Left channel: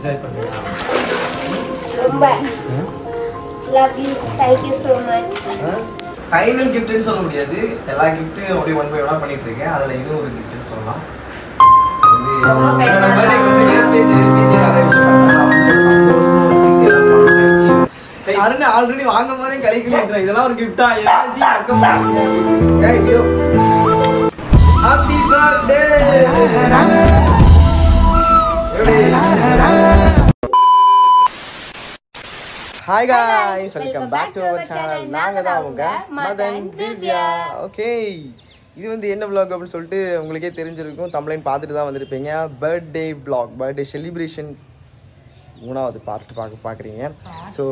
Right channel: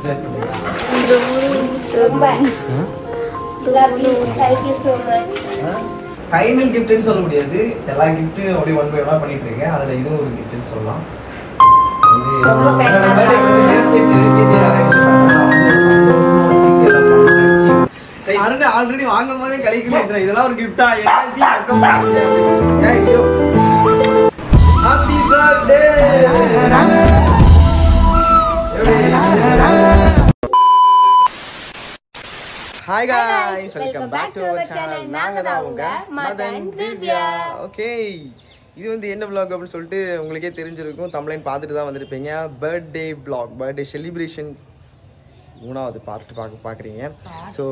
Enjoy பண்ணுங்க. ரொம்ப love you, thank you so much. Final கிஃப்ட்னு சொல்ல முடியாது, எல்லா கிஃப்ட்டும் அப்படியே ஒன் பை ஒன்னா பண்ணிட்டு இருக்கேன். அதுல இது ஒரு கிஃப்ட்னு சொல்லலாம். அருண் ஆல்ரெடி வாங்கும் போதே கழிக்கல, இதெல்லாம் ஒரு கிஃப்டா? Happy birthday. Hi guys, welcome back to our channel. நாங்க தான் உங்க மதன் திவ்யா. ஓகே, இது வந்து என்ன vlog அப்படினு சொல்லிட்டு உங்களுக்கே தெரிஞ்சிருக்கும். தம்ப்லைன் பார்த்துட்டு தான் வந்திருப்பீங்க. பர்த்டே vlog, பர்த்டே செலிப்ரேஷன் மூணாவது பார்ட் பார்க்குறீங்க. ஸோ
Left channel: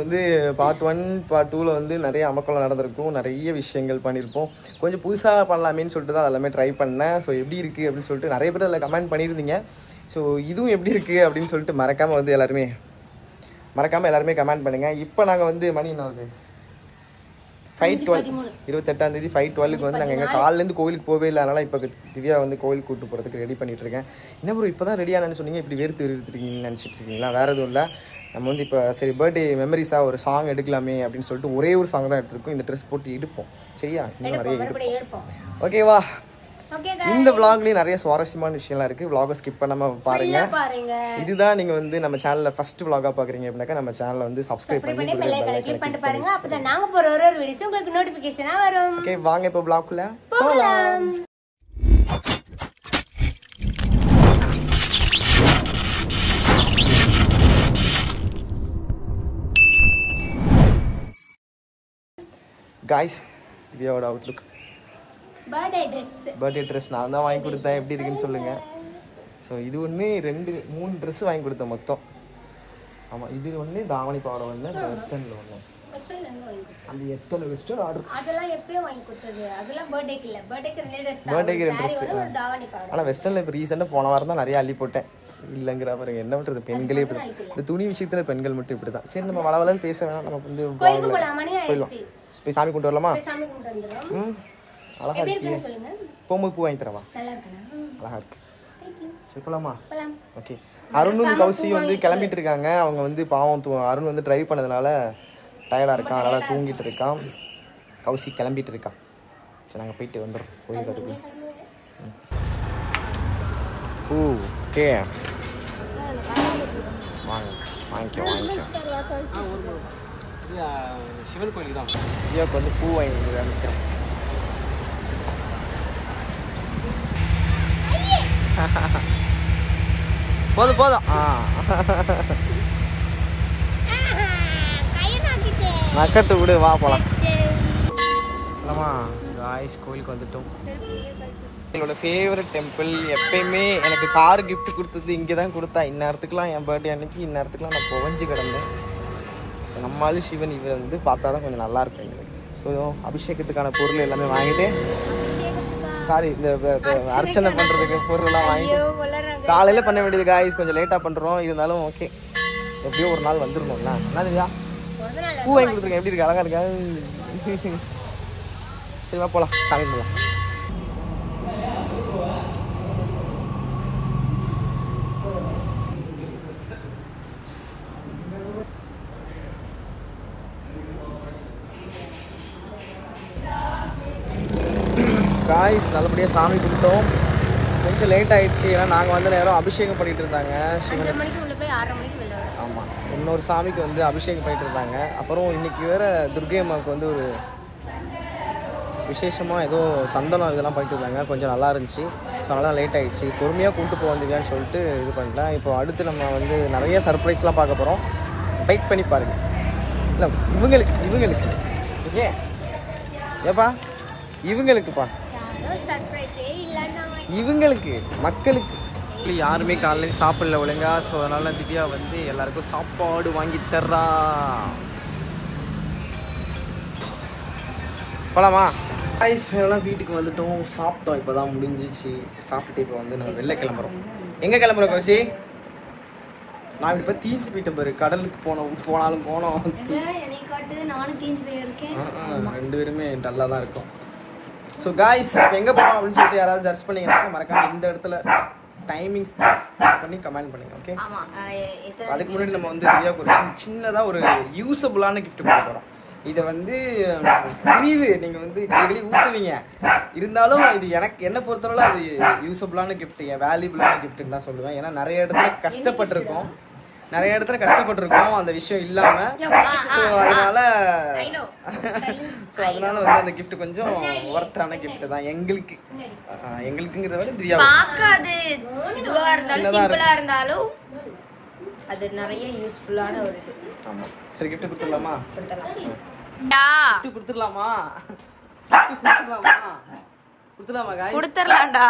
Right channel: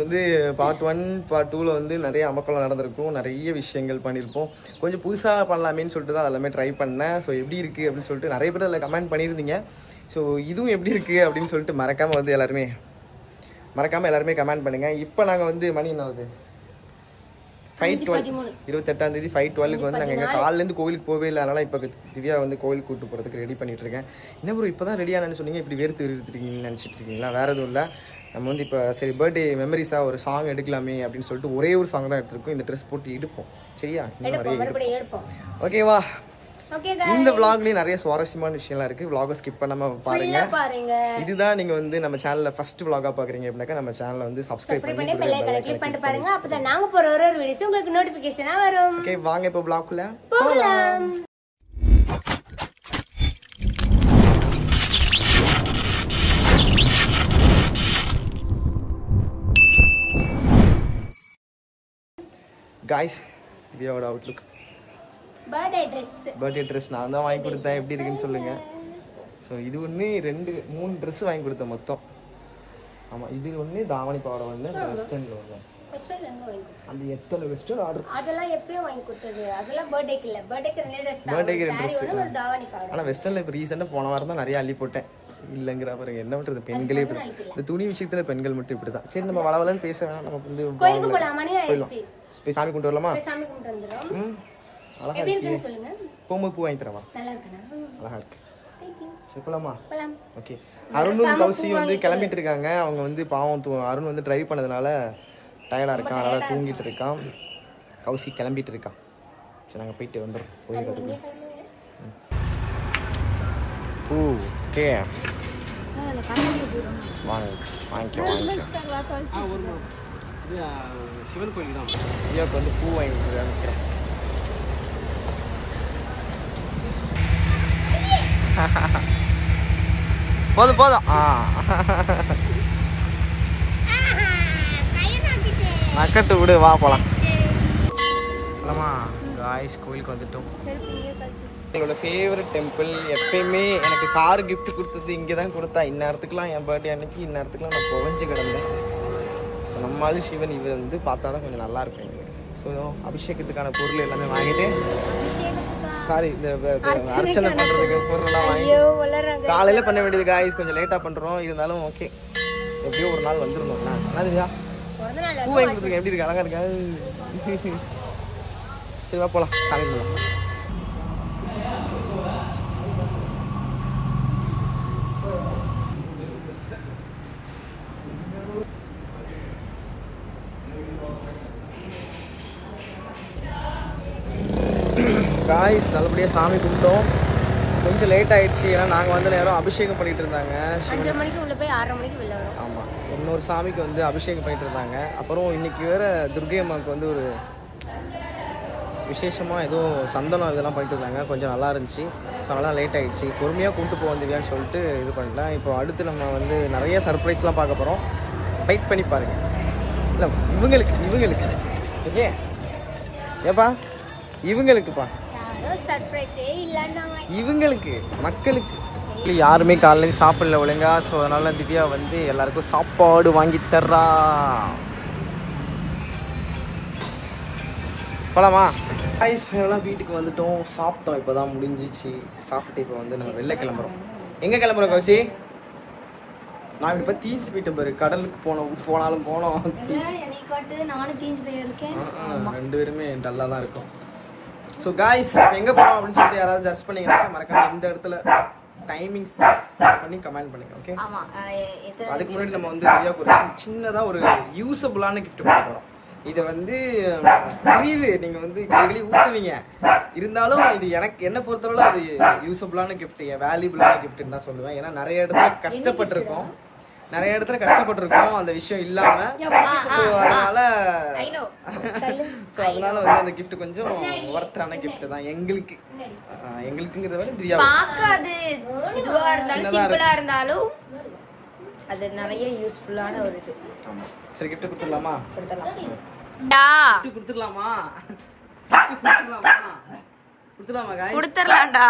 வந்து பார்ட் 1 பார்ட் 2ல வந்து நிறைய அமக்கலம் நடந்திருக்கும், நிறைய விஷயங்கள் பண்ணியிருப்போம். கொஞ்சம் புதுசாக பண்ணலாமேன்னு சொல்லிட்டு தான் எல்லாமே ட்ரை பண்ணேன். ஸோ எப்படி இருக்குது அப்படின்னு சொல்லிட்டு நிறைய பேர் அதில் கமெண்ட் பண்ணியிருந்தீங்க. ஸோ இதுவும் எப்படி இருக்குது அப்படின்னு சொல்லிட்டு மறக்காமல் வந்து எல்லாருமே கமெண்ட் பண்ணுங்கள். இப்போ நாங்கள் வந்து மணி என்ன ஆகுது? 5:12 28ஆம் தேதி 5:12க்கு வந்து நாங்கள் எங்கள் காலிலேருந்து கோவிலுக்கு போகவே இல்லை. அதனால் இப்போ திவ்யா வந்து கோவிலுக்கு கூப்பிட்டு போகிறதுக்கு ரெடி பண்ணிட்டு இருக்கேன். என்ன ப்ரோ இப்போ தான் ரெடியானு சொன்னீங்க, இப்படி வெறுத்துருக்கீங்கன்னு நினச்சிட்டு இருக்கீங்களா? வேறு எதுவும் இல்லை, நம்ம வந்து இப்போ சரி பர்த்டே மெமரிஸாக ஒரு சாங் எடுக்கலாமே அப்படின்னு சொல்லிட்டு ஒரே ஒரு சாங் தான் எடுத்திருக்கோம். இந்த ட்ரெஸ் போட்டு எடுப்போம், சரியா? இன்னும் நிறைய எடுப்போம், ஓகேவா? இந்த vlogலயும் நிறைய சுவாரஸ்யமான விஷயம்லாம் இருக்கு. vlog ஸ்கிப் பண்ணாம பாருங்க. இதுதான் நீங்க வந்து நம்ம சேனல்ல ஃபர்ஸ்ட் vlog-ஆ பாக்குறீங்க அப்படினா நம்ம சேனலை வந்து சப்ஸ்கிரைப் பண்ணி பெல் ஐகானை கிளிக் பண்ணி பாருங்க. அப்பதான் நாங்க போற ஒரு வீடியோஸ் உங்களுக்கு நோட்டிபிகேஷனா வரும். ஓகே, வாங்க இப்போ vlog-குள்ள போலாம். गाइस, திவ்யாவோட அவுட்லுக் பர்த்டே ட்ரெஸ் நான் தான் வாங்கி கொடுத்தேன். எப்படி இருக்குன்னு சொல்லுங்க. ஸோ இது ஒன்று 2-3 ட்ரெஸ் வாங்கி கொடுத்தேன் மொத்தம். ஆமாம், இது ஒன்று தாவணி பாவாடை ஒன்று, வெஸ்டர்னில் ஒன்று. அந்த எத்தனை வெஸ்டர்ன் ஆர்டர்? அதெல்லாம் எப்பயும் வாங்கி கொடுத்தது. அதெல்லாம் பர்த்டேக்கு இல்லை, பர்த்டேக்கு 2 ட்ரெஸ். ஆனால் வெஸ்டர்னில் இப்போ ரீசெண்டாக போன வாரம் தான் நிறைய அள்ளி போட்டேன். இல்லைங்கிற பாருங்க, என்ன பண்ணுறது, பெண்களே இப்படி தான். இந்த துணி விஷயத்தில் பெண்கள் மட்டும் இப்படி தான். சரி, நம்ம வளவலன்னு பேச வேணாம், நம்ம வந்து போயிடலாம். போய் சாமி கொண்டு வரலாமா? அழகா இருக்கு. போகும்போது பூ வாங்கி தரவா? அழகா இருக்கு. சரி போலாமா? ஓகே. அருணும் கௌசி வந்து கிளம்பிட்டு இருக்காங்க. அவங்க வந்து பாவம் அருண் வந்து டிரைவ் பண்ணதுனால டயர்டா இருக்கான், அதனால தூங்கிட்டு இருக்கான். கௌசி கிளம்பிட்டு இருக்கான். சரி, நாங்கள் போயிட்டு வந்துடுறோம் கோயிலுக்கு. பூ ஓகே, வாங்கிக்கோ. சிவன் கோயில் தான். ஐயாவுக்கு வந்து பூ வாங்கி நிற்கிறோம். போதும் நக்கட்டு விடு, வா போலாம். காய்ஸ், கோயிலுக்கு வந்துட்டோம். எங்களோட ஃபேவரட் டெம்பிள். எப்பயுமே எனக்கு கார் கிஃப்ட் கொடுத்தது இங்கே தான் கொடுத்தா. இந்நேரத்துக்குலாம் என் பர்த்டே அன்னைக்கு இந்நேரத்துக்குலாம் நான் புகஞ்சு கிடந்தேன். ஸோ நம்மளாலும் சிவன் இவர் வந்து பார்த்தா தான் கொஞ்சம் நல்லா இருக்கும் எங்களுக்கு. ஸோ அபிஷேகத்துக்கான பொருள் எல்லாமே வாங்கிட்டு, சாரி இந்த அர்ச்சனை பண்றதுக்கு பொருள்லாம் வாங்கி காலையில பண்ண வேண்டியது காய்ஸ், கொஞ்சம் லேட்டா பண்றோம். இருந்தாலும் ஓகே, எப்படியோ ஒரு நாள் வந்துடணும்ல. என்னதுயா பூ வாங்கி கொடுத்துருக்கேன், எப்படி இருக்கு? அழகா இருக்கா? சரி வா போலாம், சாமி போலாம். காய்ஸ், நல்லபடியாக சாமி கும்பிட்டோம். கொஞ்சம் லேட் ஆயிடுச்சு, ஏன்னா நாங்கள் வந்த நேரம் அபிஷேகம் பண்ணிட்டு இருந்தாங்க. ஆமாம், இன்னொரு சாமிக்கு வந்து அபிஷேகம் பண்ணிட்டு இருந்தாங்க. அப்புறம் இன்னைக்கு வேற துர்கை அம்மாவுக்கு வந்து ஒரு விசேஷமாக ஏதோ சந்தனம் இதெல்லாம் பண்ணிட்டு இருந்தாங்க. கொஞ்சம் நல்லா இருந்துச்சு, அதனால லேட் ஆகிடுச்சு. பொறுமையாக கூப்பிட்டு போவீங்கன்னு சொல்லிட்டு இது பண்ணிட்டேன். இப்போ அடுத்து நம்ம வந்து நிறைய சர்ப்ரைஸ்லாம் பார்க்க போகிறோம். வெயிட் பண்ணி பாருங்கள். இல்லை இவங்களுக்கு ஓகே ஏப்பா, இவங்களுக்குப்பா, இவங்களுக்கு மக்களுக்கு யாருமே காலையில் சாப்பிடல ஒழுங்கா. ஸோ அதனால திவ்யா வந்து எல்லாருக்கும் சாப்பாடு வாங்கி தர்றா. போலாமா? எல்லாம் வீட்டுக்கு வந்துட்டோம், சாப்பிட்டோம், இப்போதான் முடிஞ்சிச்சு. சாப்பிட்டுட்டு இப்போ வந்து நம்ம வெளில கிளம்புறோம். எங்கே கிளம்புறோம் கௌசி? நான் இப்போ தீஞ்சு போயிட்டேன் பாரு. கடலுக்கு போனோம் 2 பேருமே டல்லாக தான் இருக்கும். ஸோ காய்ஸ், இப்போ எங்கே போகிறோம் அப்படின்னு சொல்லிட்டு யாராவது சர்ச் பண்ணிங்கன்னா மறக்காம இந்த இடத்துல டைமிங்ஸ் பண்ணி கமெண்ட் பண்ணுங்க. ஓகே, ஆமா. அதுக்கு முன்னாடி நம்ம வந்து திவ்யாவுக்கு ஒரு சின்னதாக ஒரு யூஸபுளான கிஃப்ட் பண்ண போகிறோம். இதை வந்து புரியுது, நீங்கள் வந்து டெய்லி ஊற்றுவீங்க, இருந்தாலும் இது எனக்கு என்ன பொறுத்தளவு அது யூஸபுளான கிஃப்ட், வேல்யூபிளான கிஃப்ட்னு தான் சொல்லுவேன். ஏன்னா நிறைய இடத்துல கஷ்டப்பட்டிருக்கோம் அந்த விஷயம் இல்லாம. ஸோ அதனால வந்து அந்த கிஃப்ட் கொஞ்சம் ஒர்த்தான கிஃப்ட் தான் எங்களுக்குங்கிறத விட திவ்யா சின்னதா இருந்தாலும் அது நிறைய யூஸ்ஃபுல்லான ஒரு இது. ஆமா, சரி கிஃப்ட் கொடுத்துடலாமா? கொடுத்துடலாம்டா.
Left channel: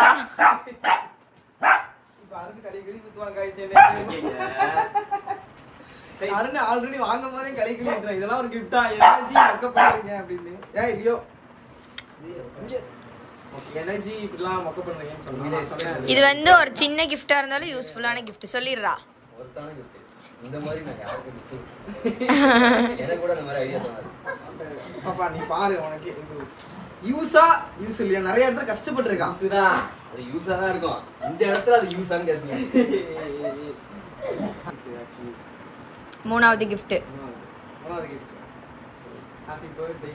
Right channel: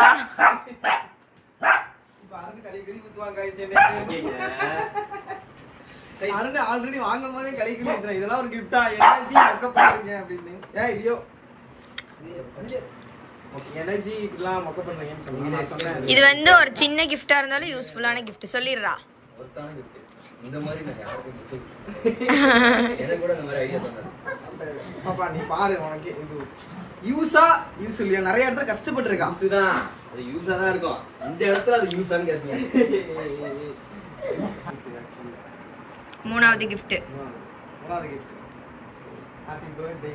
ஆல்ரெடி வாங்கும் போதே கழிவு இதெல்லாம் ஒரு கிஃப்டா எனர்ஜி மொக்க பண்ணுறீங்க அப்படின்னு. ஐயோ எனர்ஜி இப்படிலாம் மொக்க பண்ணுறீங்கன்னு சொல்லுங்க. இது வந்து ஒரு சின்ன கிஃப்டா இருந்தாலும் யூஸ்ஃபுல்லான கிஃப்ட் சொல்லிடுறா. இந்த மாதிரி நான் யாருக்கும் எனக்கு கூட இந்த மாதிரி ஐடியா தோணுது. பாப்பா நீ பாரு, உனக்கு யூஸா யூஸ் இல்லையா? நிறைய இடத்துல கஷ்டப்பட்டு இருக்கான். யூஸ்தான், அது யூஸா தான் இருக்கும். இந்த இடத்துல அது யூஸான்னு கேட்பீங்க. மூணாவது கிஃப்ட். Happy birthday.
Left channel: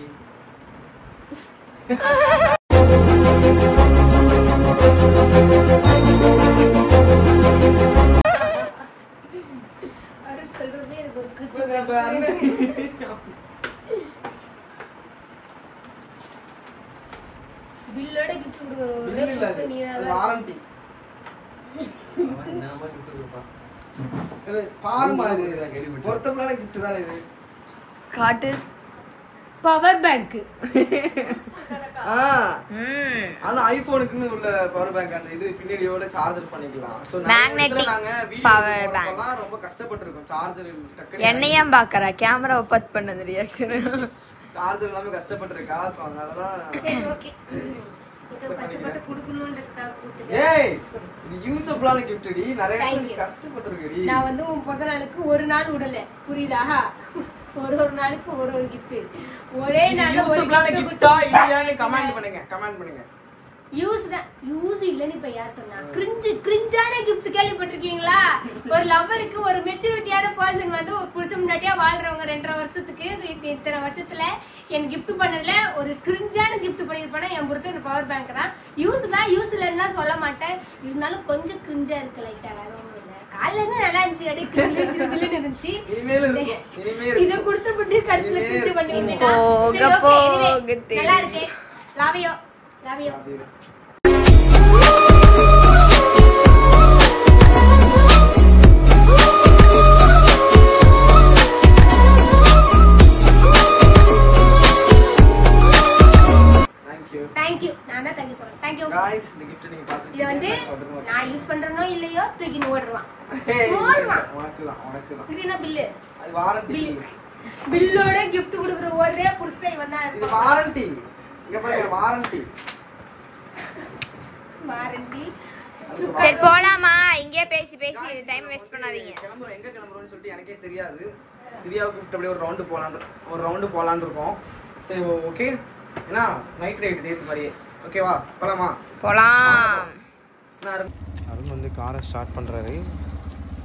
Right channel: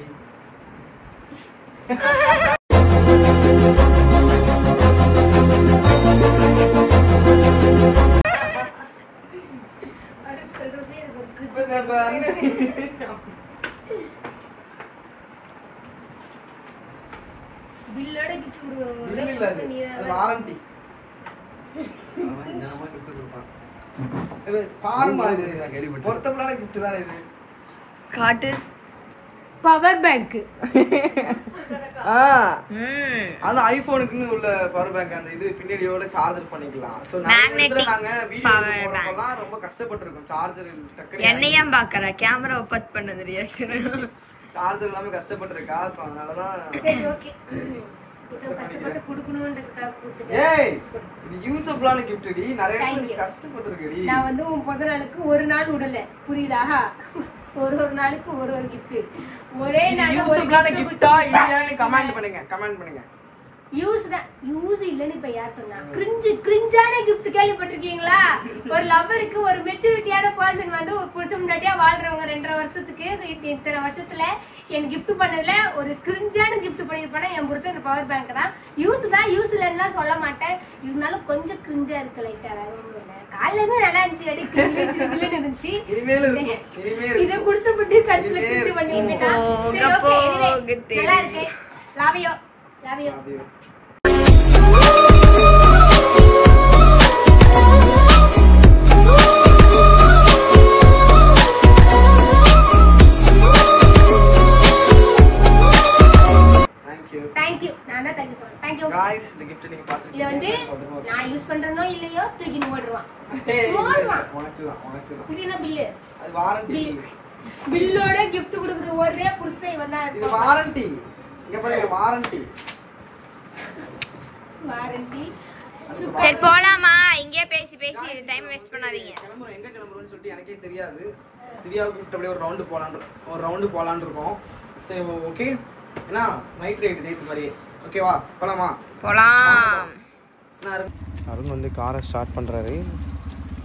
பில்லோட கிஃப்ட் கொடுக்கறோம். வாரண்டி. இது பாருமா, இது பொருத்தமான கிஃப்ட் தானே இது. காட்டு. Power bank. அந்த ஐபோனுக்குன்னு உள்ள பவர் பேங்க், அந்த இது பின்னாடியோட சார்ஜர் பண்ணிக்கலாம். சோ மேக்னெட்டிக் நாங்க பவர் பேங்க் ரொம்ப கஷ்டப்பட்டிருக்கோம். சார்ஜர் டக்குனு என்னையா பாக்கறா? கேமராவை பத் பண்ணது ரியாக்ஷன். சார்ஜர் எல்லாமே கஷ்டப்பட்டிருக்கா. சோ அதனால தான் சரி ஓகே. இது கஷ்டப்பட்டு கொடுக்கணும்ன்றதுக்காக கொடுத்துட்டேன். ஏய் இது யூஸபிளான gift டி. நிறைய பேர் கஷ்டப்பட்டிருக்கடி. நான் வந்து உன் பிறந்த நாளுக்கு ஒரு நாள் விடல, புரியுதா? ஒரு நாளுக்கு ஒரு gift. ஒரே நாள் யூஸபிளான gift-ஆ இல்லையான்னு கமெண்ட் பண்ணுங்க. யூஸ் இல்லன்னு இப்ப யார் சொன்னா? கிரிஞ்சான gift கேள்விப்பட்டிருக்கீங்களா? ஒரு லவ்வருக்கு ஒரு மெச்சூரிட்டியான பர்சன் வந்து ஒரு புருஷன் முன்னாடியே வாழ்றவங்க 2.5 வருஷத்துக்கு இத்தனை வருஷத்துல என் கிஃப்ட் பண்ணதுல ஒரு கிரிஞ்சான கிஃப்ட் பண்ணிருப்பேன்னா என் புருஷன் இந்த பவர் பேங்க் தான். யூஸ் இல்லைன்னா சொல்ல மாட்டேன். இருந்தாலும் கொஞ்சம் கிரிஞ்சா இருக்கு லைட்டா. வேற ஒண்ணும் இல்ல. காலையில இருந்து நல்லா இருந்துச்சு, இருந்துச்சு. இதை கொடுத்துட்டு கடைசியில கிரிஞ்சு பண்ணிட்டேன். நல்லா இருக்கு. லாவியோ. गाइस இந்த gift நீங்க பாத்துட்டீங்க. இது வந்து நான் யூஸ் பண்றனோ இல்லையோ தூக்கி ஓடுறான். உனக்கு தான். இது என்ன பில்? அது வாரண்டி. பில்லோட gift கொடுக்குற ஒரே புருஷன் இவன் தான். இது வாரண்டி. இங்க பாருங்க வாரண்டி. சரி போலாமா? இங்கே பேசி டைம் வேஸ்ட் பண்ணாதீங்க. எங்க கிளம்பறோம்னு சொல்லிட்டு எனக்கே தெரியாது. திவ்யாவுக்கு கூப்பிட்டு அப்படியே ஒரு ரவுண்ட் போலான்னு இருக்கோம். சரி ஓகே. ஏன்னா நைட் ரைட் டேட் மாதிரியே. ஓகேவா? போலாம். அருண் வந்து காரை ஸ்டார்ட் பண்ணுறாரு.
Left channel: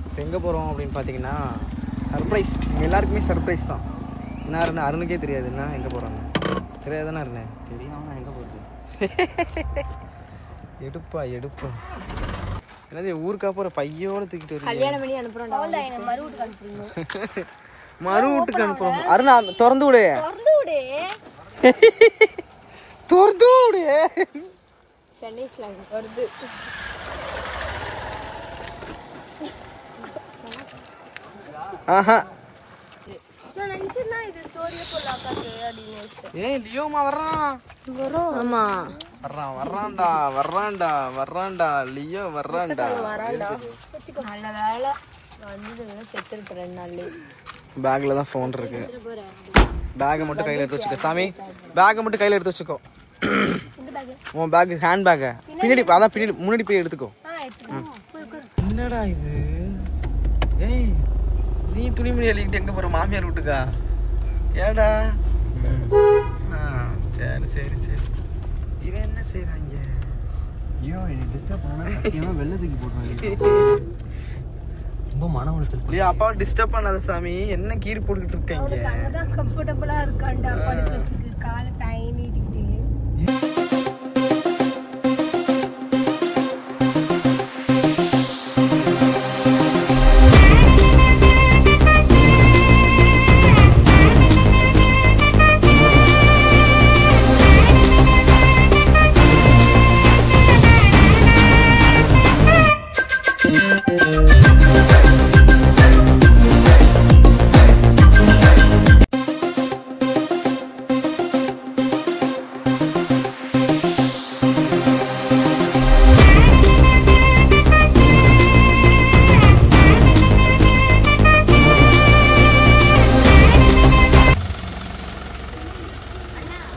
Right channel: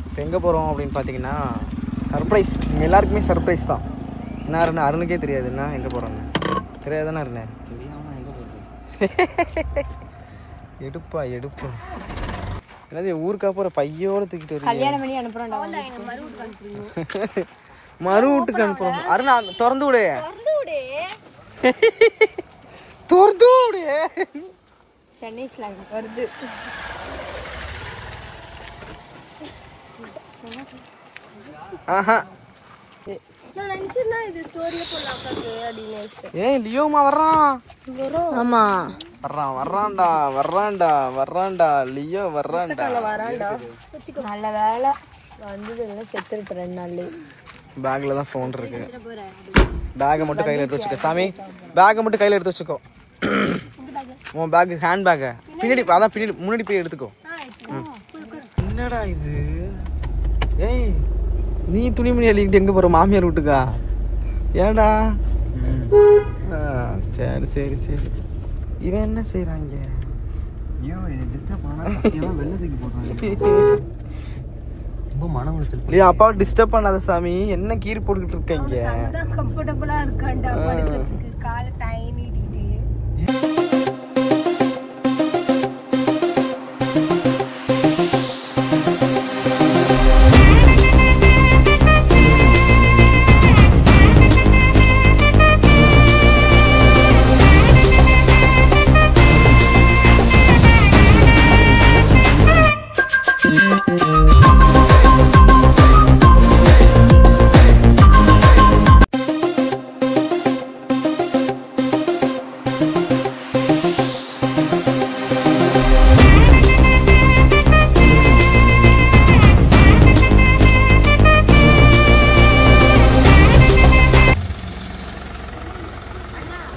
இப்போ எங்கே போகிறோம் அப்படின்னு பார்த்தீங்கன்னா சர்ப்ரைஸ். இங்கே எல்லாருக்குமே சர்ப்ரைஸ் தான். என்ன அருண்? அருணுக்கே தெரியாது என்ன எங்கே போகிறோன்னு. தெரியாதானே அருண்? தெரியாமல் எங்கே போகிறது? எடுப்பா என்னது ஊருக்கா போகிற பையோட தூக்கிட்டு வரீங்க? கல்யாணம் பண்ணி அனுப்புறோம்டா. மறு வீட்டுக்கு அனுப்புறோம். அருண் திறந்து விடு. சென்னை ஸ்லாங் வருது. ஆஹா நான் நினைச்சேன்னா இது ஸ்டோரியில போடலாம் அப்படின்னு. ஏய் லியோமா வர்றான். ஆமா வர்றான்டா லியோ வர்றான்டா. நல்ல வேலை வந்து செத்துருப்பேன் 2 நாள்லயே. பேக்ல தான் ஃபோன் இருக்கு. பேக்கை மட்டும் கையில எடுத்து வச்சுக்கோ சாமி. பேக்கை மட்டும் கையில எடுத்து வச்சுக்கோ. உன் பேக் ஹேண்ட் பேக்கை பின்னாடி முன்னாடி போய் எடுத்துக்கோ. என்னடா இது? ஏய் நீ துணிமணி அள்ளிக்கிட்டு எங்க போற? மாமியார் வீட்டுக்கா? ஏடா? சரி இவன் என்ன செய்யறாங்க? ஐயோ எனக்கு டிஸ்டர்ப் பண்ணா சத்தியமா வெள்ள தூக்கி போடுறாங்க. ரொம்ப மன உளைச்சல். ஏய் அப்பா டிஸ்டர்ப் பண்ணாத சாமி. என்ன கீறி போட்டுட்டு இருக்கீங்க? கம்ஃபர்ட்டபிளா இருக்காண்டா படுக்கிறதுக்கு கால் டைனி டிடி.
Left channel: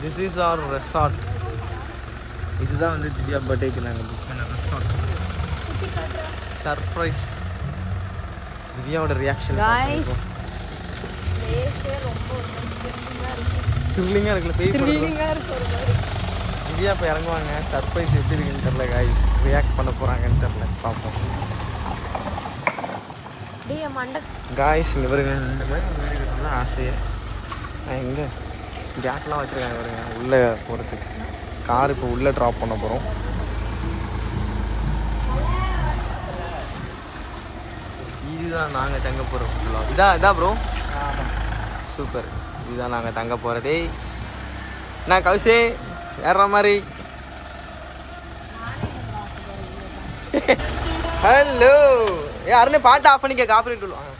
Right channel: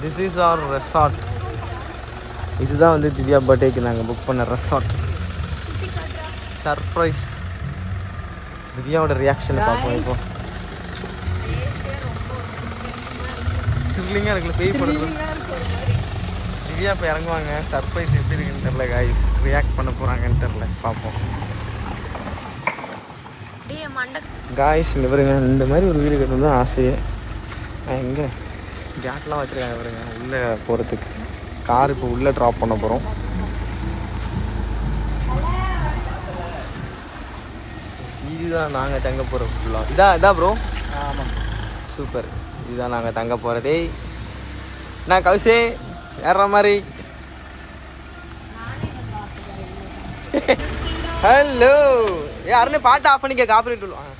This is our resort. இதுதான் வந்து திவ்யா பர்த்டேக்கு நாங்கள் புக் பண்ண ரெசார்ட். சர்ப்ரைஸ். திவ்யாவோட ரியாக்ஷனை பார்ப்போம். த்ரில்லிங்காக இருக்குல்ல பேய் படம். திவ்யா இப்போ இறங்குவாங்க. சர்ப்ரைஸ் எப்படி இருக்குன்னு தெரில காய்ஸ். ரியாக்ட் பண்ண போகிறாங்கன்னு தெரில, பார்ப்போம். காய்ஸ் இங்கே பாருங்க, இந்த மாதிரி ஒரு வீடு வேணும் தான் ஆசையே. எங்கே கேட்லாம் வச்சுருக்காங்க பாருங்க உள்ளே போகிறதுக்கு. கார் இப்போ உள்ளே ட்ராப் பண்ண போகிறோம். இதுதான் நாங்கள் தங்க போகிற ஃபுல்லாக. இதான் ப்ரோ சூப்பர். இதுதான் நாங்கள் தங்க போகிறதே. நான் கவுசே ஏற மாதிரி. ஹலோ யாருன்னு பாட்டு ஆஃப் பண்ணிக்க, காப்பரேட் விடுவாங்க.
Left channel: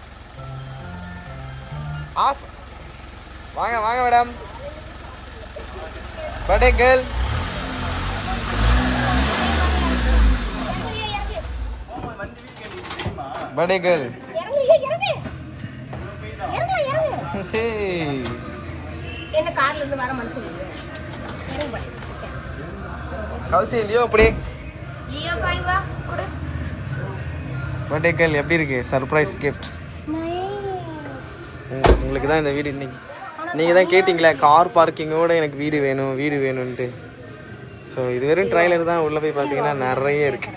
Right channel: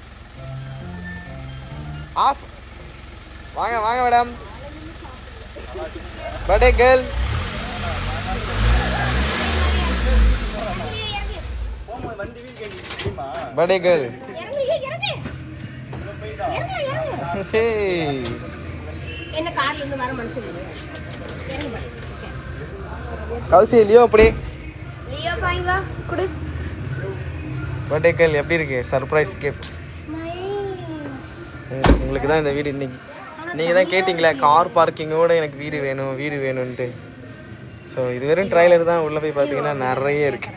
ஆஃப். வாங்க வாங்க madam. Birthday girl. Birthday girl. என்ன கார்ல இருந்து வர மனசு கவுசி லியோ அப்படி. லியோ பாய் வா குடு. பர்த்டே கேர்ள் எப்படி இருக்கு? Surprise gift. உங்களுக்கு தான் இந்த வீடு. இன்னைக்கு நீங்கள் தான் கேட்டிங்களே கார் பார்க்கிங்கோட எனக்கு வீடு வேணும் வீடு வேணும்ன்ட்டு. ஸோ இது வெறும் ட்ரைலர் தான். உள்ளே போய் பார்த்தீங்கன்னா நிறைய இருக்கு.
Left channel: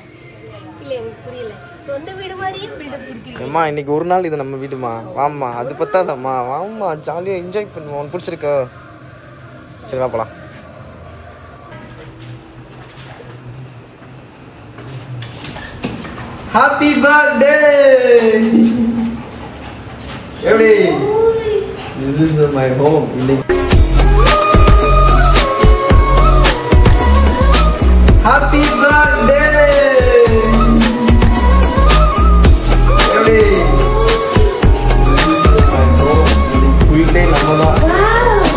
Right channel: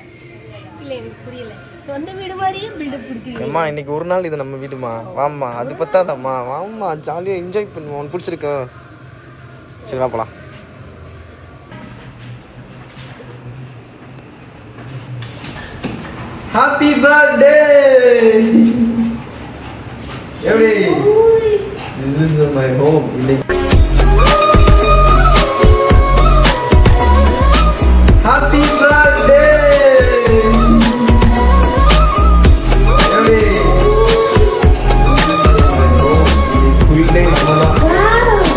அம்மா இன்னைக்கு ஒரு நாள் இது நம்ம வீடுமா. வாம்மா அது பத்தாதம்மா. வாம்மா ஜாலியாக என்ஜாய் பண்ணுவோம். உனக்கு பிடிச்சிருக்கோ? சரி வா போலாம். Happy birthday. எப்படி? This is my home. Happy birthday.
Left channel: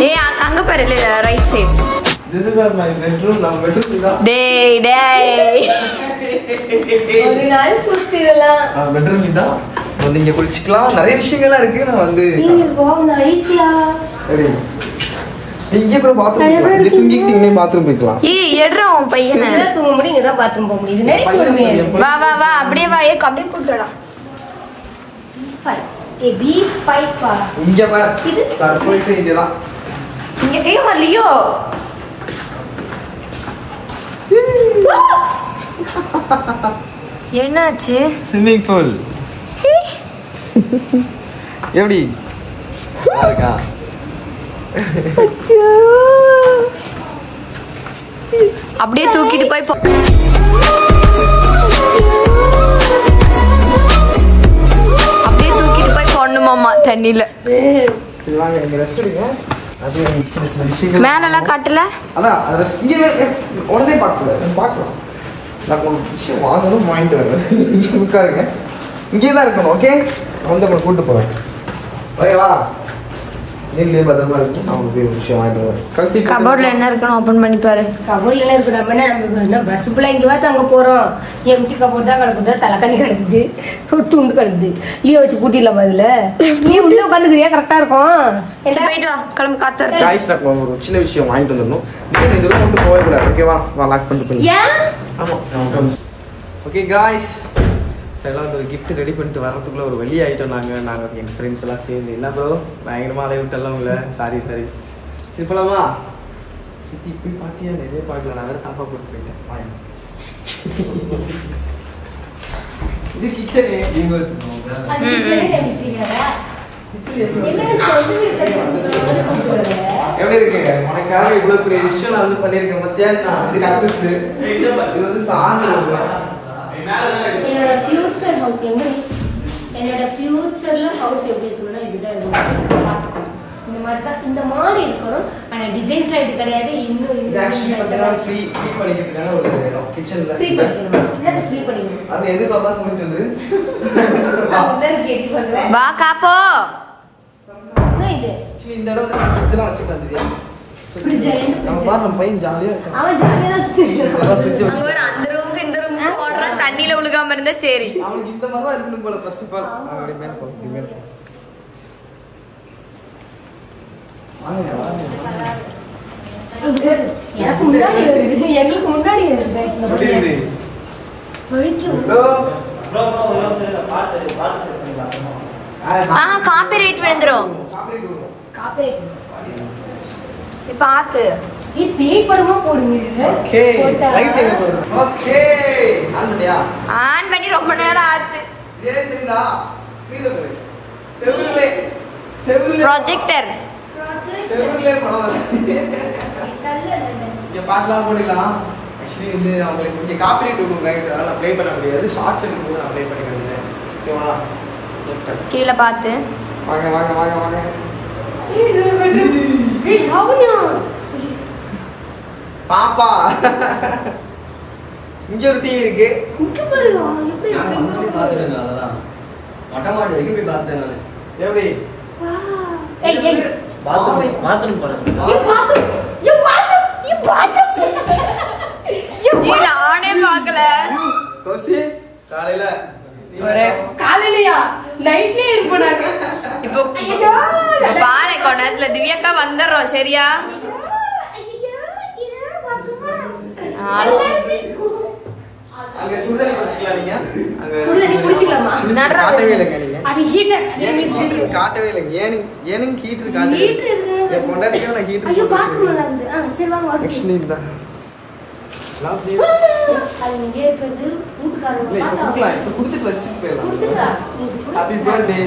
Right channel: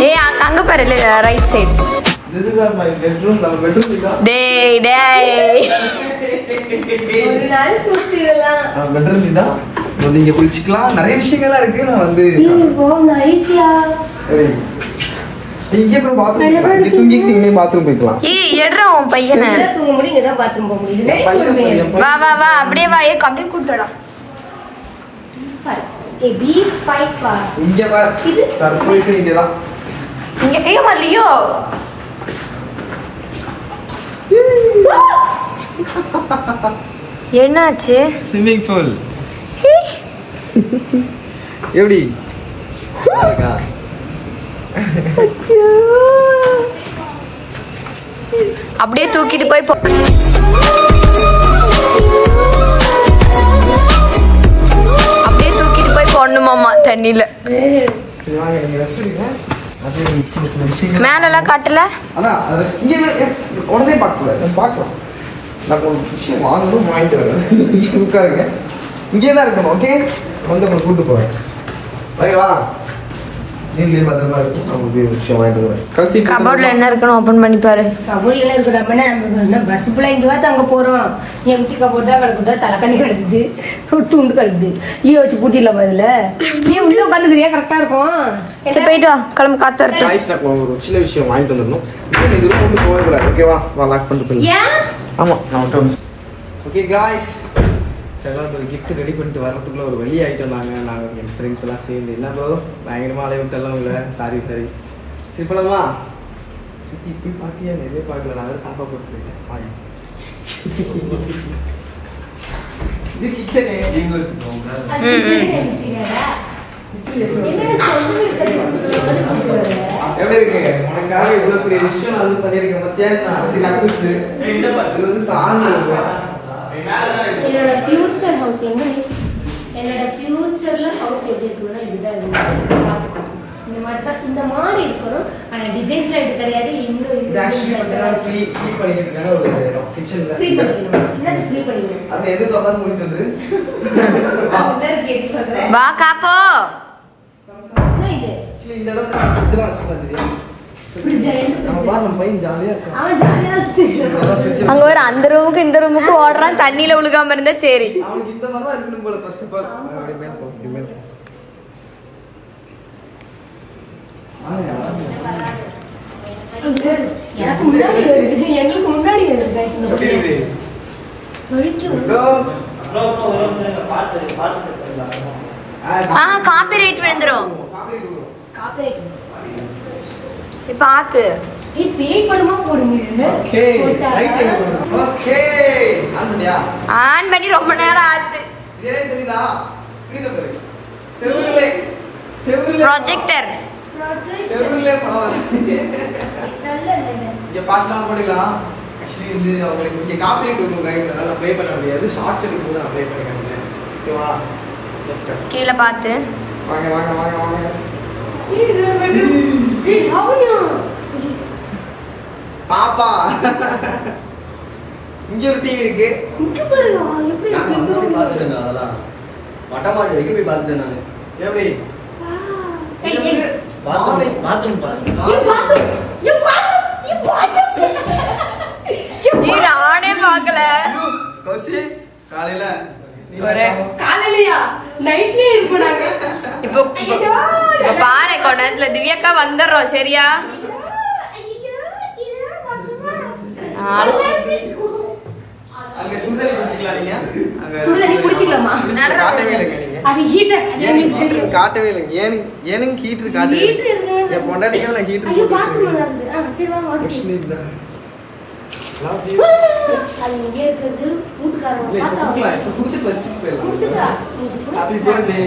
Hey, அங்க பாரு right side. This is my bedroom. நம்ம bedroom இதா. டேய் டேய். ஒரு நாள் சுத்திரலாம். bedroom இதா. வந்து இங்க குளிச்சுக்கலாம். நிறைய விஷயங்கள்லாம் இருக்கு. நான் வந்து வாவ் நைஸ்யா. சரி. இங்க போய் பாத்ரூம் போலாம். இங்க தூங்கிக்கிட்டே பாத்ரூம் போய்க்கலாம். ஏய் எட்றா உன் பையனை. இங்க தூங்க முடியும், இங்க தான் பாத்ரூம் போக முடியும். நைட் வா வா வா அப்படியே வா. ஏய் அப்படியே கூட்டடா. பீஃப் ஃபைட் பா. இங்க பார். சர்ப்ரைஸ் இதுதான். இங்க ஏய் மல்லியோ. என்னாச்சு? Swimming pool. எப்படி இருக்கா? அப்படியே தூக்கிட்டு போய் அப்படியே தூக்கிட்டு போய் போடணுமாமா தண்ணியில. சரி வாங்க நீங்க ரெஸ்ட் எடுங்க. அப்படியே சின்ன சின்ன விஷயங்கள் மேலெல்லாம் காட்டல. அதான் இங்கே உடனே பார்க்கலாம். நான் ஒரு விஷயம் வாங்கணும் வாங்கிட்டு வரேன். உட்காருங்க. இங்கே தான் இருக்கணும். ஓகே வந்து உங்களை கூப்பிட்டு போவேன். ஓகேவா? நீங்களே பத்திரமா இருக்கும். நான் ஒரு விஷயம் வாங்கிட்டு வரேன். கபோர்ட்ல என்ன இருக்குன்னு ஓபன் பண்ணி பாரு. கபோர்ட்ல எல்லாம் இருக்கிற பஸ் ஃபுல்லா இங்க பார்த்து அங்க போறோம். எம்டி கபோர்ட் தான் கிடக்குது. தலைக்கண்ணி கிடக்குது. துண்டு கிடக்குது. ஈய வச்சு பூட்டிடலாம். அதுல நீ உள்ள உட்காந்துக்கிறியா? கரெக்டா இருக்கும். சரி போயிட்டு வா. கிளம்பு காத்து வரட்டும். காய்ஸ் நான் ஒரு சின்ன விஷயம் வாங்கிட்டு வந்துடணும். இந்த ரூம் வந்து போக கூடாது. ஓகேவா? வா லாக் பண்ணிட்டு போய். ஆமா ஓகே காய்ஸ் எல்லாம் ஒரு கிஃப்ட் ரெடி பண்ணிட்டு வர்றதுக்குள்ள ஒரு வெளியே ஆகிட்டோம். நாங்கள் எங்கள் ஃப்ரெண்ட்ஸ் எல்லாம் சேர்ந்து என்ன ப்ரோ பயங்கரமாக அலைய விட்டெல்லாம் உங்களை சாரி சரி போலாமா? சுற்றி போய் பார்த்தியா? நிறைய பார்க்கல. நான் வேறு தாப்பா போட்டு போயிட்டேன். இது கிச்சனு அது சரி நினைக்கிறீங்களா? என்ன சொல்லி எப்படி இருக்கு? உனக்காக இவ்வளவு பெரிய விஷயம் நான் வந்து பண்ணிருக்கேன் மத்தியா. இது வந்து சாந்து. என்னோட ஃபியூச்சர் ஹவுஸ் எங்க என்னோட ஃபியூச்சர்ல ஹவுஸ் எப்படி இருக்குன்னா இதுதான் பார்த்துக்கணும். இந்த மாதிரி இருக்கணும். ஆனா டிசைன்ஸ்ல இது கிடையாது. இன்னும் ஆக்சுவலி பார்த்தா ஃப்ரீ பண்ணிக்கிறதுக்கான ஒரு கிச்சன்ல ஃப்ரீ பண்ணிக்கணும். என்ன ஃப்ரீ பண்ணிக்கணும்? அது எது பாப்பா பண்ணிட்டு வந்து எல்லாரும் கேட்டு சொல்றேன். வா காப்போ. என்ன இது? இந்த இடம் வந்து ஃப்ரிட்ஜ்லாம் வச்சுக்கலாம் தெரியும். நம்ம பாரு நம்ம பையன் ஜாலியா இருக்கான். அவன் ஜாலியா தான் அங்க ஒரு அந்த ரூமுக்கு இந்த ரூமுக்கு ஓடுறான். தண்ணியில உழுகாம இருந்தா சரி. அவனுக்கு இந்த மாதிரி தான் இருக்கணும் போல. ஃபர்ஸ்ட் ஆஃப் ஆல் அப்படி மேல போ, அப்படி மேல போ. எனக்கு முன்னாடி வருது. எங்களுக்கு முன்னாடி வருது. எப்படி இது? காப்பி ரேட் விழுந்துரும். பாத்து ஓகே ரைட் எங்க போறது? ஓகே ஆன்டியா ஆன் பண்ணி ரொம்ப நேரம் ஆச்சு. இதே தெரியுதா? ஸ்கிரீன்ல பாரு. செவுருல ப்ரொஜெக்டர் செவுருல படம் வருது. இங்க பாக்கலாம் போடலாம். ஆக்சுவலி இது உங்களுக்கு இங்க காப்பிரைட் இருக்கும் गाइस. அதனால அப்ளை பண்ண முடியாது. ஷார்ட்ஸ் எடுக்கும்போது அப்ளை பண்ணிக்கலாம். ஓகேவா? கீழ பாத்து வாங்க வாங்க வாங்க வாங்க. பாப்பா இங்க ஒரு டிவி இருக்கு. பாத்துட்டேன். அதெல்லாம் மொட்டை மாடி வரைக்கும் போய் பாத்துட்டேன் நானு. எப்படி? பாத்ரூம் நானே பாக்கல. காலையில காலையிலயா நைட்லயே இருப்பாங்க. இப்போ பாரு கொஞ்ச நேரத்துல திவ்யாக்கா வந்துடுறோம். சரியா? அங்க சுடுதண்ணி குடிச்சிக்கலாம். நீங்க சுடுதண்ணி குடிச்சிக்கலாமா? காட்டவே இல்லைங்க நீங்க. அது ஹீட்டர். ஹீட்டர் காட்டவே இல்லைங்க. ஏனுங்க ஹீட்டர் காட்டவே இல்லை. என் பொண்டாட்டிக்கே நான் ஹீட்டர் ஐயோ போட்டு பாத்ரூம்ல வச்சிருக்கேன். இருந்து சரி வாங்க ஓகே. ஆக்சுவலி இந்த அது இங்கே இருக்குது. வீட்டுக்காரங்க இல்ல இப்ப பார்த்தா குடுக்கலாம். இப்ப குடுத்துட்டு வச்சுட்டு போயிடலாம். கொடுத்துட்டா ஹாப்பி பர்த்டே.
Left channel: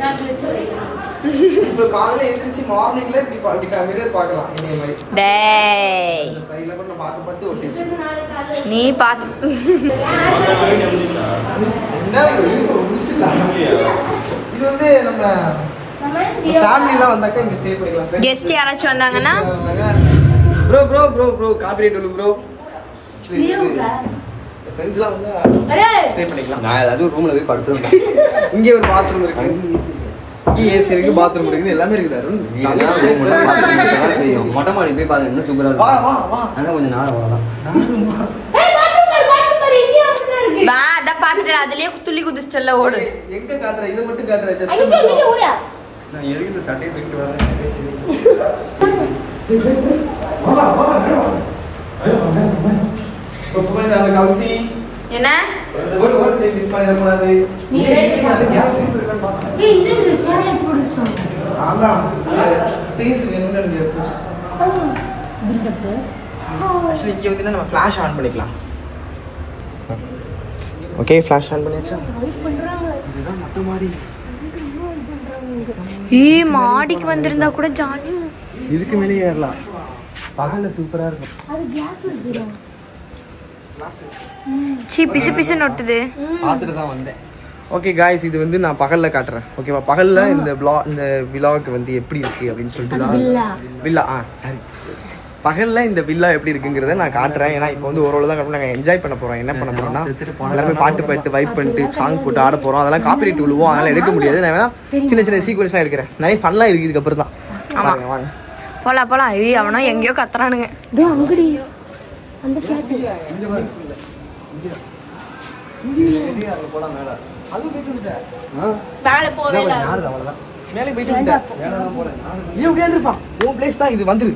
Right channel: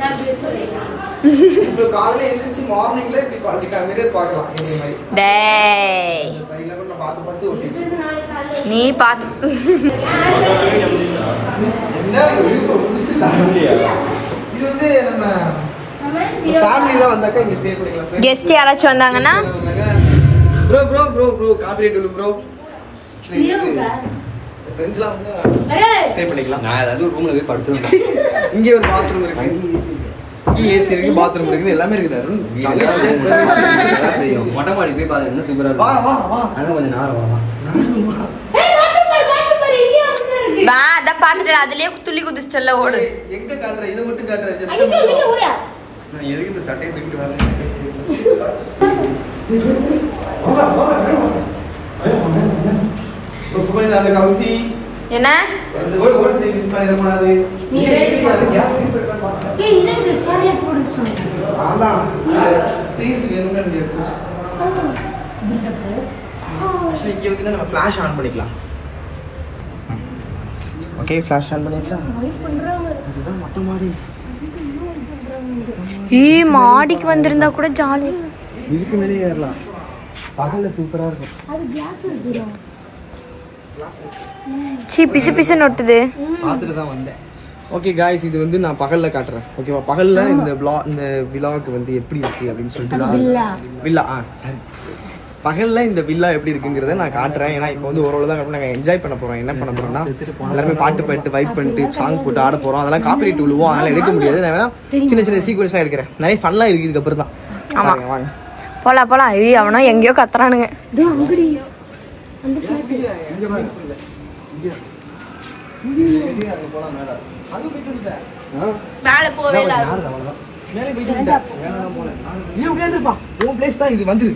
நான் சொல்றேன். இப்ப காலையில எழுந்திருச்சு மார்னிங்ல இப்படி பாத்துக்கலாம். மிரர் பார்க்கலாம். இந்த மாதிரி டேய் இந்த சைடுல கூட நான் பார்த்து பார்த்து ஒட்டி வச்சிருக்கேன். நாளைக்கு காலையில நீ பாத்து என்ன இது வந்து நம்ம ஃபேமிலிலாம் வந்தாக்க இங்க ஸ்டே பண்ணிக்கலாம். கெஸ்ட் யாராச்சும் வந்தாங்கன்னா bro bro bro bro copyright உள்ள ப்ரோ. ஃப்ரெண்ட்ஸ்லாம் வந்து ஸ்டே பண்ணிக்கலாம். நான் ஏதாவது ரூம்ல போய் படுத்துருவேன். இங்க ஒரு பாத்ரூம் இருக்கு. இங்க ஏசி இருக்கு, பாத்ரூம் இருக்கு, எல்லாமே இருக்குது. அருண் செய்யும். மொட்டை மாடி போய் பாருங்க. இன்னும் சூப்பரா வா இருக்கும். வா வா. ஆனா கொஞ்சம் நேரம் வரலாம். வா அதான் பாத்துட்டு அதுலயே துள்ளி குதிச்சிட்டல ஓடு. எங்க காட்டுற? இத மட்டும் காட்டுற. ஜஸ்ட் ஐயோ ஓடியா. நான் எதுக்கு இந்த சட்டையை தூக்கிட்டு வரேன்? சூப்பர் அந்த கவுசி என்ன ஒரு ஒரு சே மிஸ் பண்ணிட கூடாது. நீ அது கேப் பிரிப்பேர் பண்ணு. ஏய் இது சேனல் போடுறோம். அதான் ஸ்பேஸ் வேணும்னு எனக்கு எடுத்துச்சு. ஆக்சுவலி இங்க வந்து நம்ம ஃபிளாஷ் ஆன் பண்ணிக்கலாம். ஓகே ஃபிளாஷ் ஆன் பண்ணியாச்சா? இதுதான் மொட்டை மாடி. மாடிக்கு வந்திருந்தா கூட ஜாலி. இதுக்கு மேலே ஏறலாம். பகல்ல சூப்பரா இருக்கும். அது கேஸ் இருக்குடா. சீ பிசு பிசு நொட்டுது. பார்த்துட்டு தான் வந்தேன். ஓகே गाइस இது வந்து நான் பகல்ல காட்டுறேன். ஓகேவா? பகல்ல இந்த விலாக் வந்து எப்படி இருக்கு அப்படின்னு சொல்லிட்டு வில்லா சாரி பகல்ல இந்த வில்லா எப்படி இருக்குங்கிறத நான் காட்டுறேன். ஏன்னா இப்போ வந்து ஓரளவு தான் நாங்கள் என்ஜாய் பண்ண போறோம். என்ன பண்ண போறோம்னா எல்லாருமே பாட்டு பாட்டு வைப் பண்ணிட்டு சாங் போட்டு ஆட போறோம். அதெல்லாம் காப்பிரைட் விழுவோம். அதனால எடுக்க முடியாது. நான் வேணா சின்ன சின்ன சீக்வன்ஸ்லாம் எடுக்கிறேன். நிறைய ஃபன்லாம் இருக்கு இதுக்கு அப்புறம் தான். ஆமா வாங்க போலாம் போலாம். ஐயோ அவனோ எங்கேயோ கத்துறானுங்க. அங்கடி அந்த மேல போவே இல்ல. மேலே போயிட்டு நீ உட்கார்ந்துப்பா. உன் பிளேஸ் தான் இது. வந்துரு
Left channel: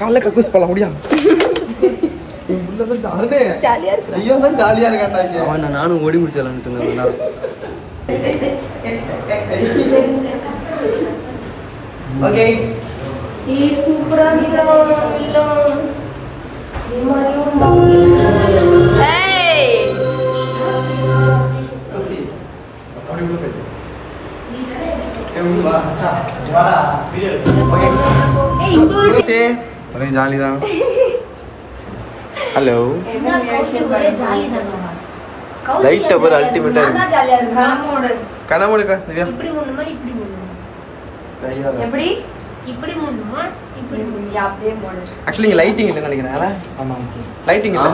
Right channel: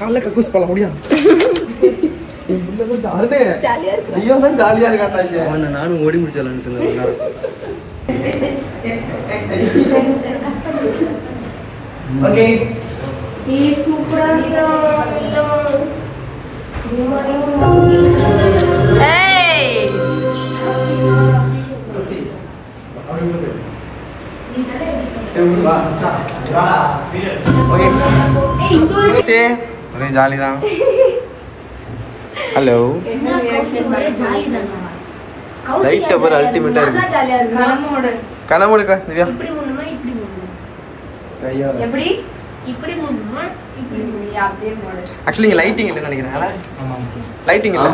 காலைல கக்கூஸ் போலாம் முடியா? ஜாலியா இருக்கு. ஐயோ தான் ஜாலியா இருக்காட்டாங்க. அவன் நானும் ஓடி முடிச்சாலும் ஓகே சூப்பரா இருக்கு. ஒரே ஜாலி தான். ஹலோ லைட் அப்புறம் அல்டிமேட்டா இருக்கு. கனமோடு திவ்யா எப்படி இப்படி மூடணுமா இப்படி மூடி அப்படியே மூடு. ஆக்சுவலி இங்க லைட்டிங் இல்லைன்னு நினைக்கிறேன். ஆமா லைட்டிங் இல்ல.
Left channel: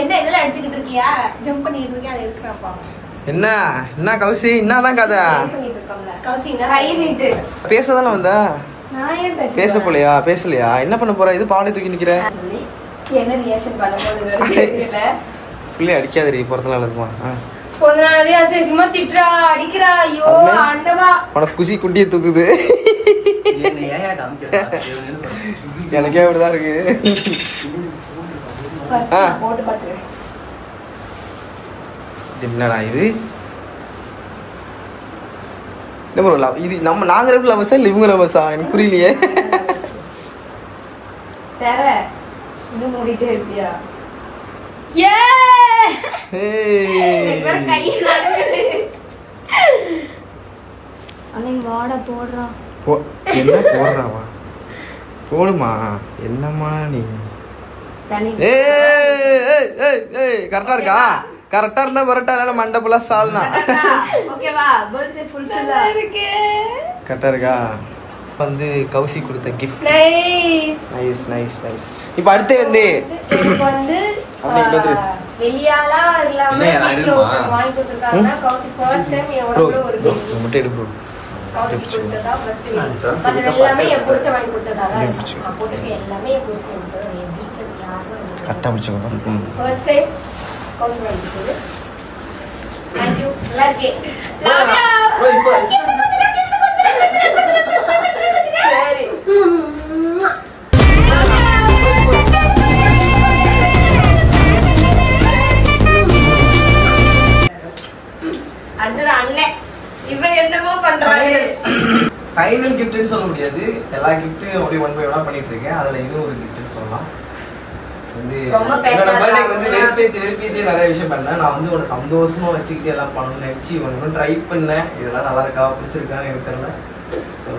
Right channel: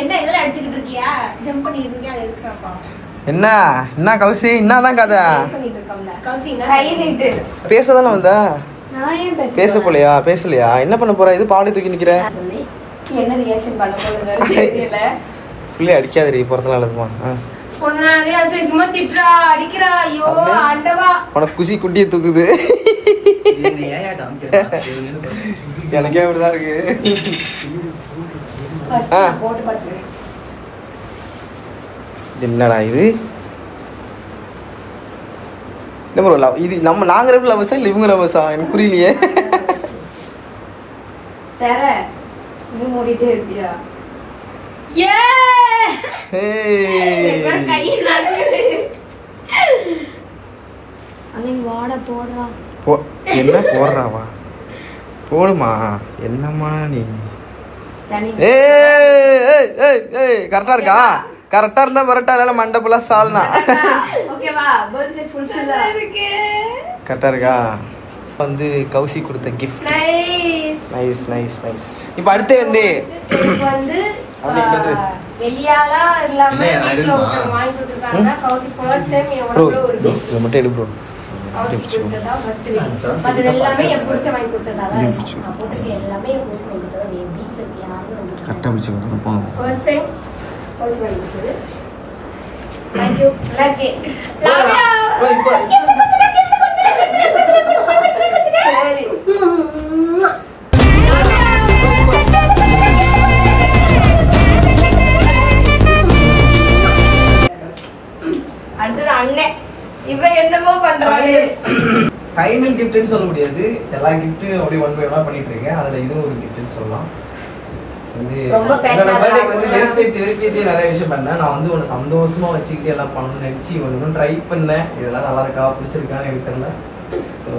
என்ன இதெல்லாம் அடிச்சுக்கிட்டு இருக்கியா? ஜம்ப் பண்ணிட்டு இருக்கியா? அதை இருக்காப்பா. என்ன என்ன கௌசி என்னதான் கதை? பண்ணிட்டு இருக்கோம்ல. கௌசி கை நீட்டு. பேசதானே வந்தா? நான் ஏன் பேச போலையா? பேசலையா? என்ன பண்ண போற? இது பாடி தூக்கி நிக்கிற. என்ன ரியாக்ஷன் பண்ண போகுதுன்னு தெரியல. ஃபுல்லி அடிக்காதடி பிறந்தநாள் அதுமா. பொண்ணானதே அசிங்கமா திட்றா அடிக்கிறா. ஐயோ ஆண்டவா. உனக்கு குசி குட்டியை தூக்குது. எனக்கே அப்படிதான் இருக்கு. ஃபர்ஸ்ட் போட்டு பாத்துறேன். என்னடா இது? இல்ல ப்ரோ இது நம்ம நாங்க ரெண்டு லவர்ஸா இல்ல இவங்க லவர்ஸா? எனக்கு புரியலையே. தர இது மூடிட்டே இருப்பியா? ஏ வேற கை நடுங்குது. அன்னைக்கு வாட போடுறா. என்ன போடுறாவா? போடுமா? என்னம்மா நீ? கரெக்டா இருக்கா? கரெக்டா இருந்தா வரட்டா இல்ல மண்டபுல சால்னா. ஓகேவா? பர்த்டே ஃபுல்ஃபில் இருக்கு. கரெக்டா இருக்கா? வந்து கௌசி கொடுத்த gift. Nice nice nice nice. இப்போ அடுத்து வந்து வெளியாலா இல்லாம வீட்ல வாங்கி கொடுத்திருக்காங்க. கௌசி ஃபர்ஸ்ட் டைம் ப்ரோ ஒரு இது மட்டும் எடு ப்ரோ. கௌசி கொடுத்ததா ஃபர்ஸ்ட் டைம். அது எல்லாமே என் புருஷன் வாங்கி கொடுத்ததா. நான் போட்டு எல்லாமே என் புருஷன் வாங்கி கொடுத்தது. என் வீட்ல யாரும் கரெக்டா பிடிச்சுக்கோ. ஃபர்ஸ்ட் டைம் கௌசி வாங்கி கொடுத்தது. Thank you. லக்கி லாவியா. சரி அடுத்தது அண்ணன். இவன் என்னமோ பண்றாரு. ஃபைனல் கிஃப்ட்னு சொல்ல முடியாது. எல்லா கிஃப்ட்டும் அப்படியே ஒன் பை ஒன்னா பண்ணிட்டு இருக்கேன். அதுல இதுவும் ஒரு கிஃப்ட்னு சொல்லலாம். வந்து ரொம்ப என்னோட பர்த்டேக்கு வந்து வெறுப்பேத்தி நிறைய விஷயம் பண்ணேன். நான் வந்து ஒரு சந்தோஷமா வச்சுக்கிட்டு எல்லாம் பண்ணணும்னு நினைச்சு ஒன்றும் ட்ரை பண்ணேன். இதெல்லாம் நல்லா இருக்கா பிடிச்சிருக்கான்னு எனக்கு தெரியல. So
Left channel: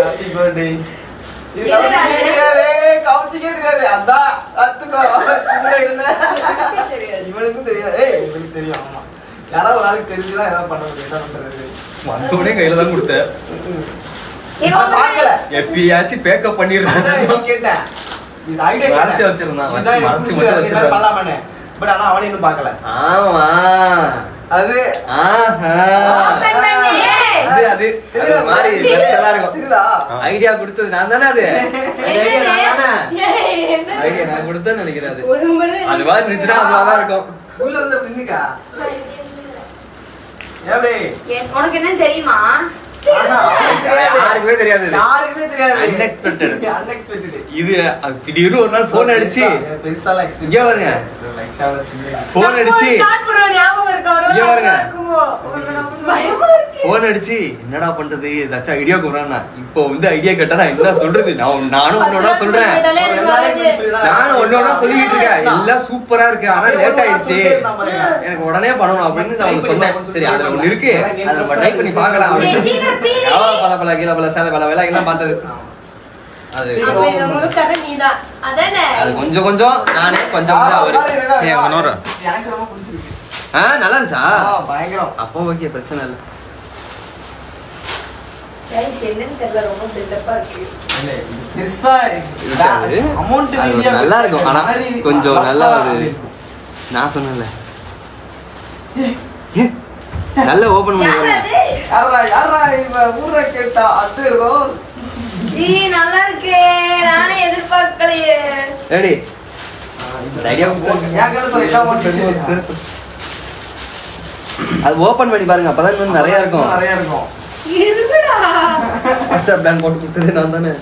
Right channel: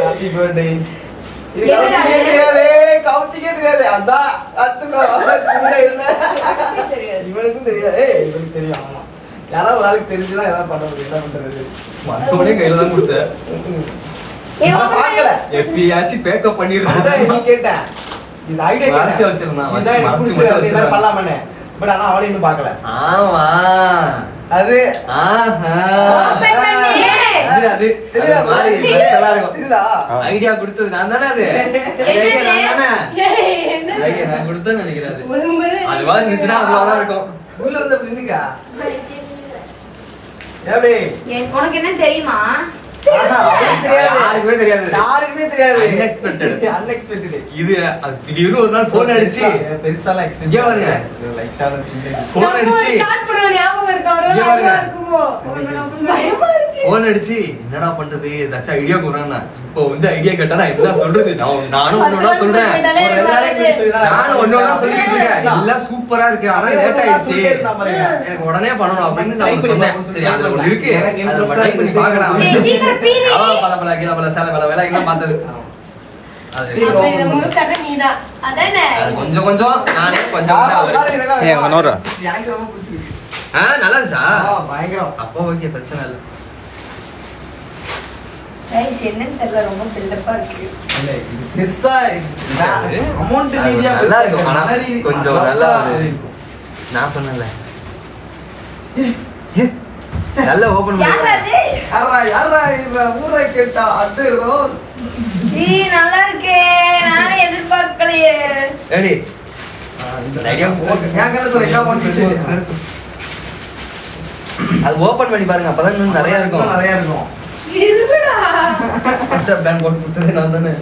happy birthday. இவனுக்கும் தெரியாது. இவனுக்கு தெரியும். ஆமா யாராவது ஒரு ஆளுக்கு தெரிஞ்சுதான் ஏதாவது பண்ண முடியும். என்ன பண்றது? மத்தவனே கையில தான் கொடுத்தேன். பாக்கல எப்பயாச்சும் பேக்கப் பண்ணிருந்தேன். கேட்டேன் இந்த ஐடியா மறைச்சு வச்சிருந்தான். பண்ணலாமே. பட் ஆனா அவனை இன்னும் பாக்கல. ஆமா அது அது மாதிரி ஐடியா கொடுத்தது நான் தானே. அது ஐடியா நான் கொடுத்தேன்னு நினைக்கிறேன். அது மாதிரி இருந்துச்சுன்னா அதுவாதான் இருக்கும். உள்ள இருந்த பின்னுக்கா எப்படி உனக்கு என்ன தெரியுமா? யாருக்குமே தெரியாது. யாருக்குமே தெரியாது. அன்எக்ஸ்பெக்டட். அன்எக்ஸ்பெக்டட். இது திடீர்னு ஒரு நாள் போன் அடிச்சு பெருசாலாம் இங்க பாருங்க போன் அடிச்சு போன் அடிச்சு என்னடா பண்றது ஏதாச்சும் ஐடியா கொடுறேன்னா இப்போ வந்து ஐடியா கேட்டா நான் என்ன சொல்றது? நானும் ஒன்னோட சொல்றேன். நானும் ஒன்னோட சொல்லிட்டு இருக்கேன். எல்லாம் சூப்பரா இருக்கு. ஆனா லேட் ஆயிடுச்சு. எனக்கு உடனே பண்ணணும் அப்படின்னு நான் சொன்னேன். சரி அதுல ஒண்ணு இருக்கு. அதை ட்ரை பண்ணி பார்க்கலாம். பல கீழே பல சேலை பல வேலைகள்லாம் பார்த்தது. கொஞ்சம் கொஞ்சம் நானே கொஞ்சம் நல்லா இருந்துச்சா? அப்போ ஓகே பிரச்சனை இல்லை. நல்லா இருக்கும். ஆனா கொஞ்சம் நல்லா நான் சொன்னேன்ல நல்ல ஓபன் ஊரை கேட்டா அது நல்லா இருக்கே. நானே எதிர்பார்க்கலையே. ரெடி அது ஓபன் பண்ணி பாருங்க. அப்பதான் இன்னும் நிறைய இருக்கும். நிறைய இருக்கும். இருடா. ஃபர்ஸ்ட் பிளான் போட்டு கொடுத்தது நான் தானே.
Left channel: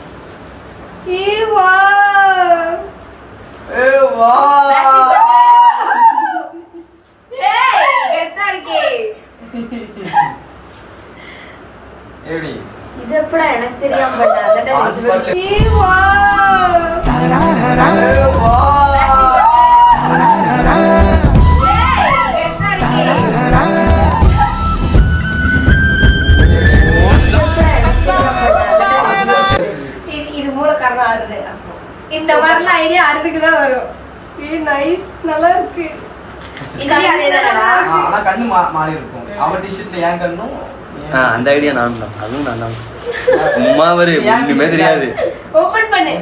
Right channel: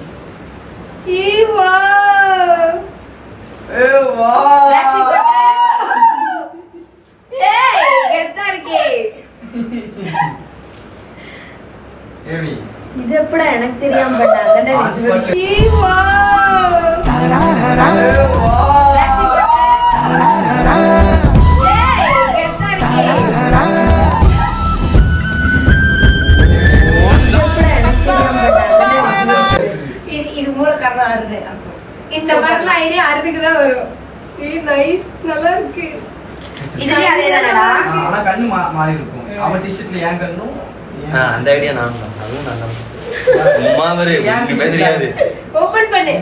வா. ஏய் கெத்தா இருக்கே. இது எப்படா எனக்கு தெரியாம பண்ண அதடா வா. இது மூல காரணம் அருது. இந்த மாதிரிலாம் ஐடியா அருதுக்கு தான் வரும். நைஸ் நல்லா இருக்கு. இதுலயே அதேதானடா. ஆனா கண்ணு மாறி இருக்கும். அவன் டி-ஷர்ட்ல ஏன் கண்ணும் அந்த ஐடியா நான் தான். அதுவும் நல்லா இருக்கு. அம்மா வரு ஒண்ணுமே தெரியாது. ஓபன் பண்ணு.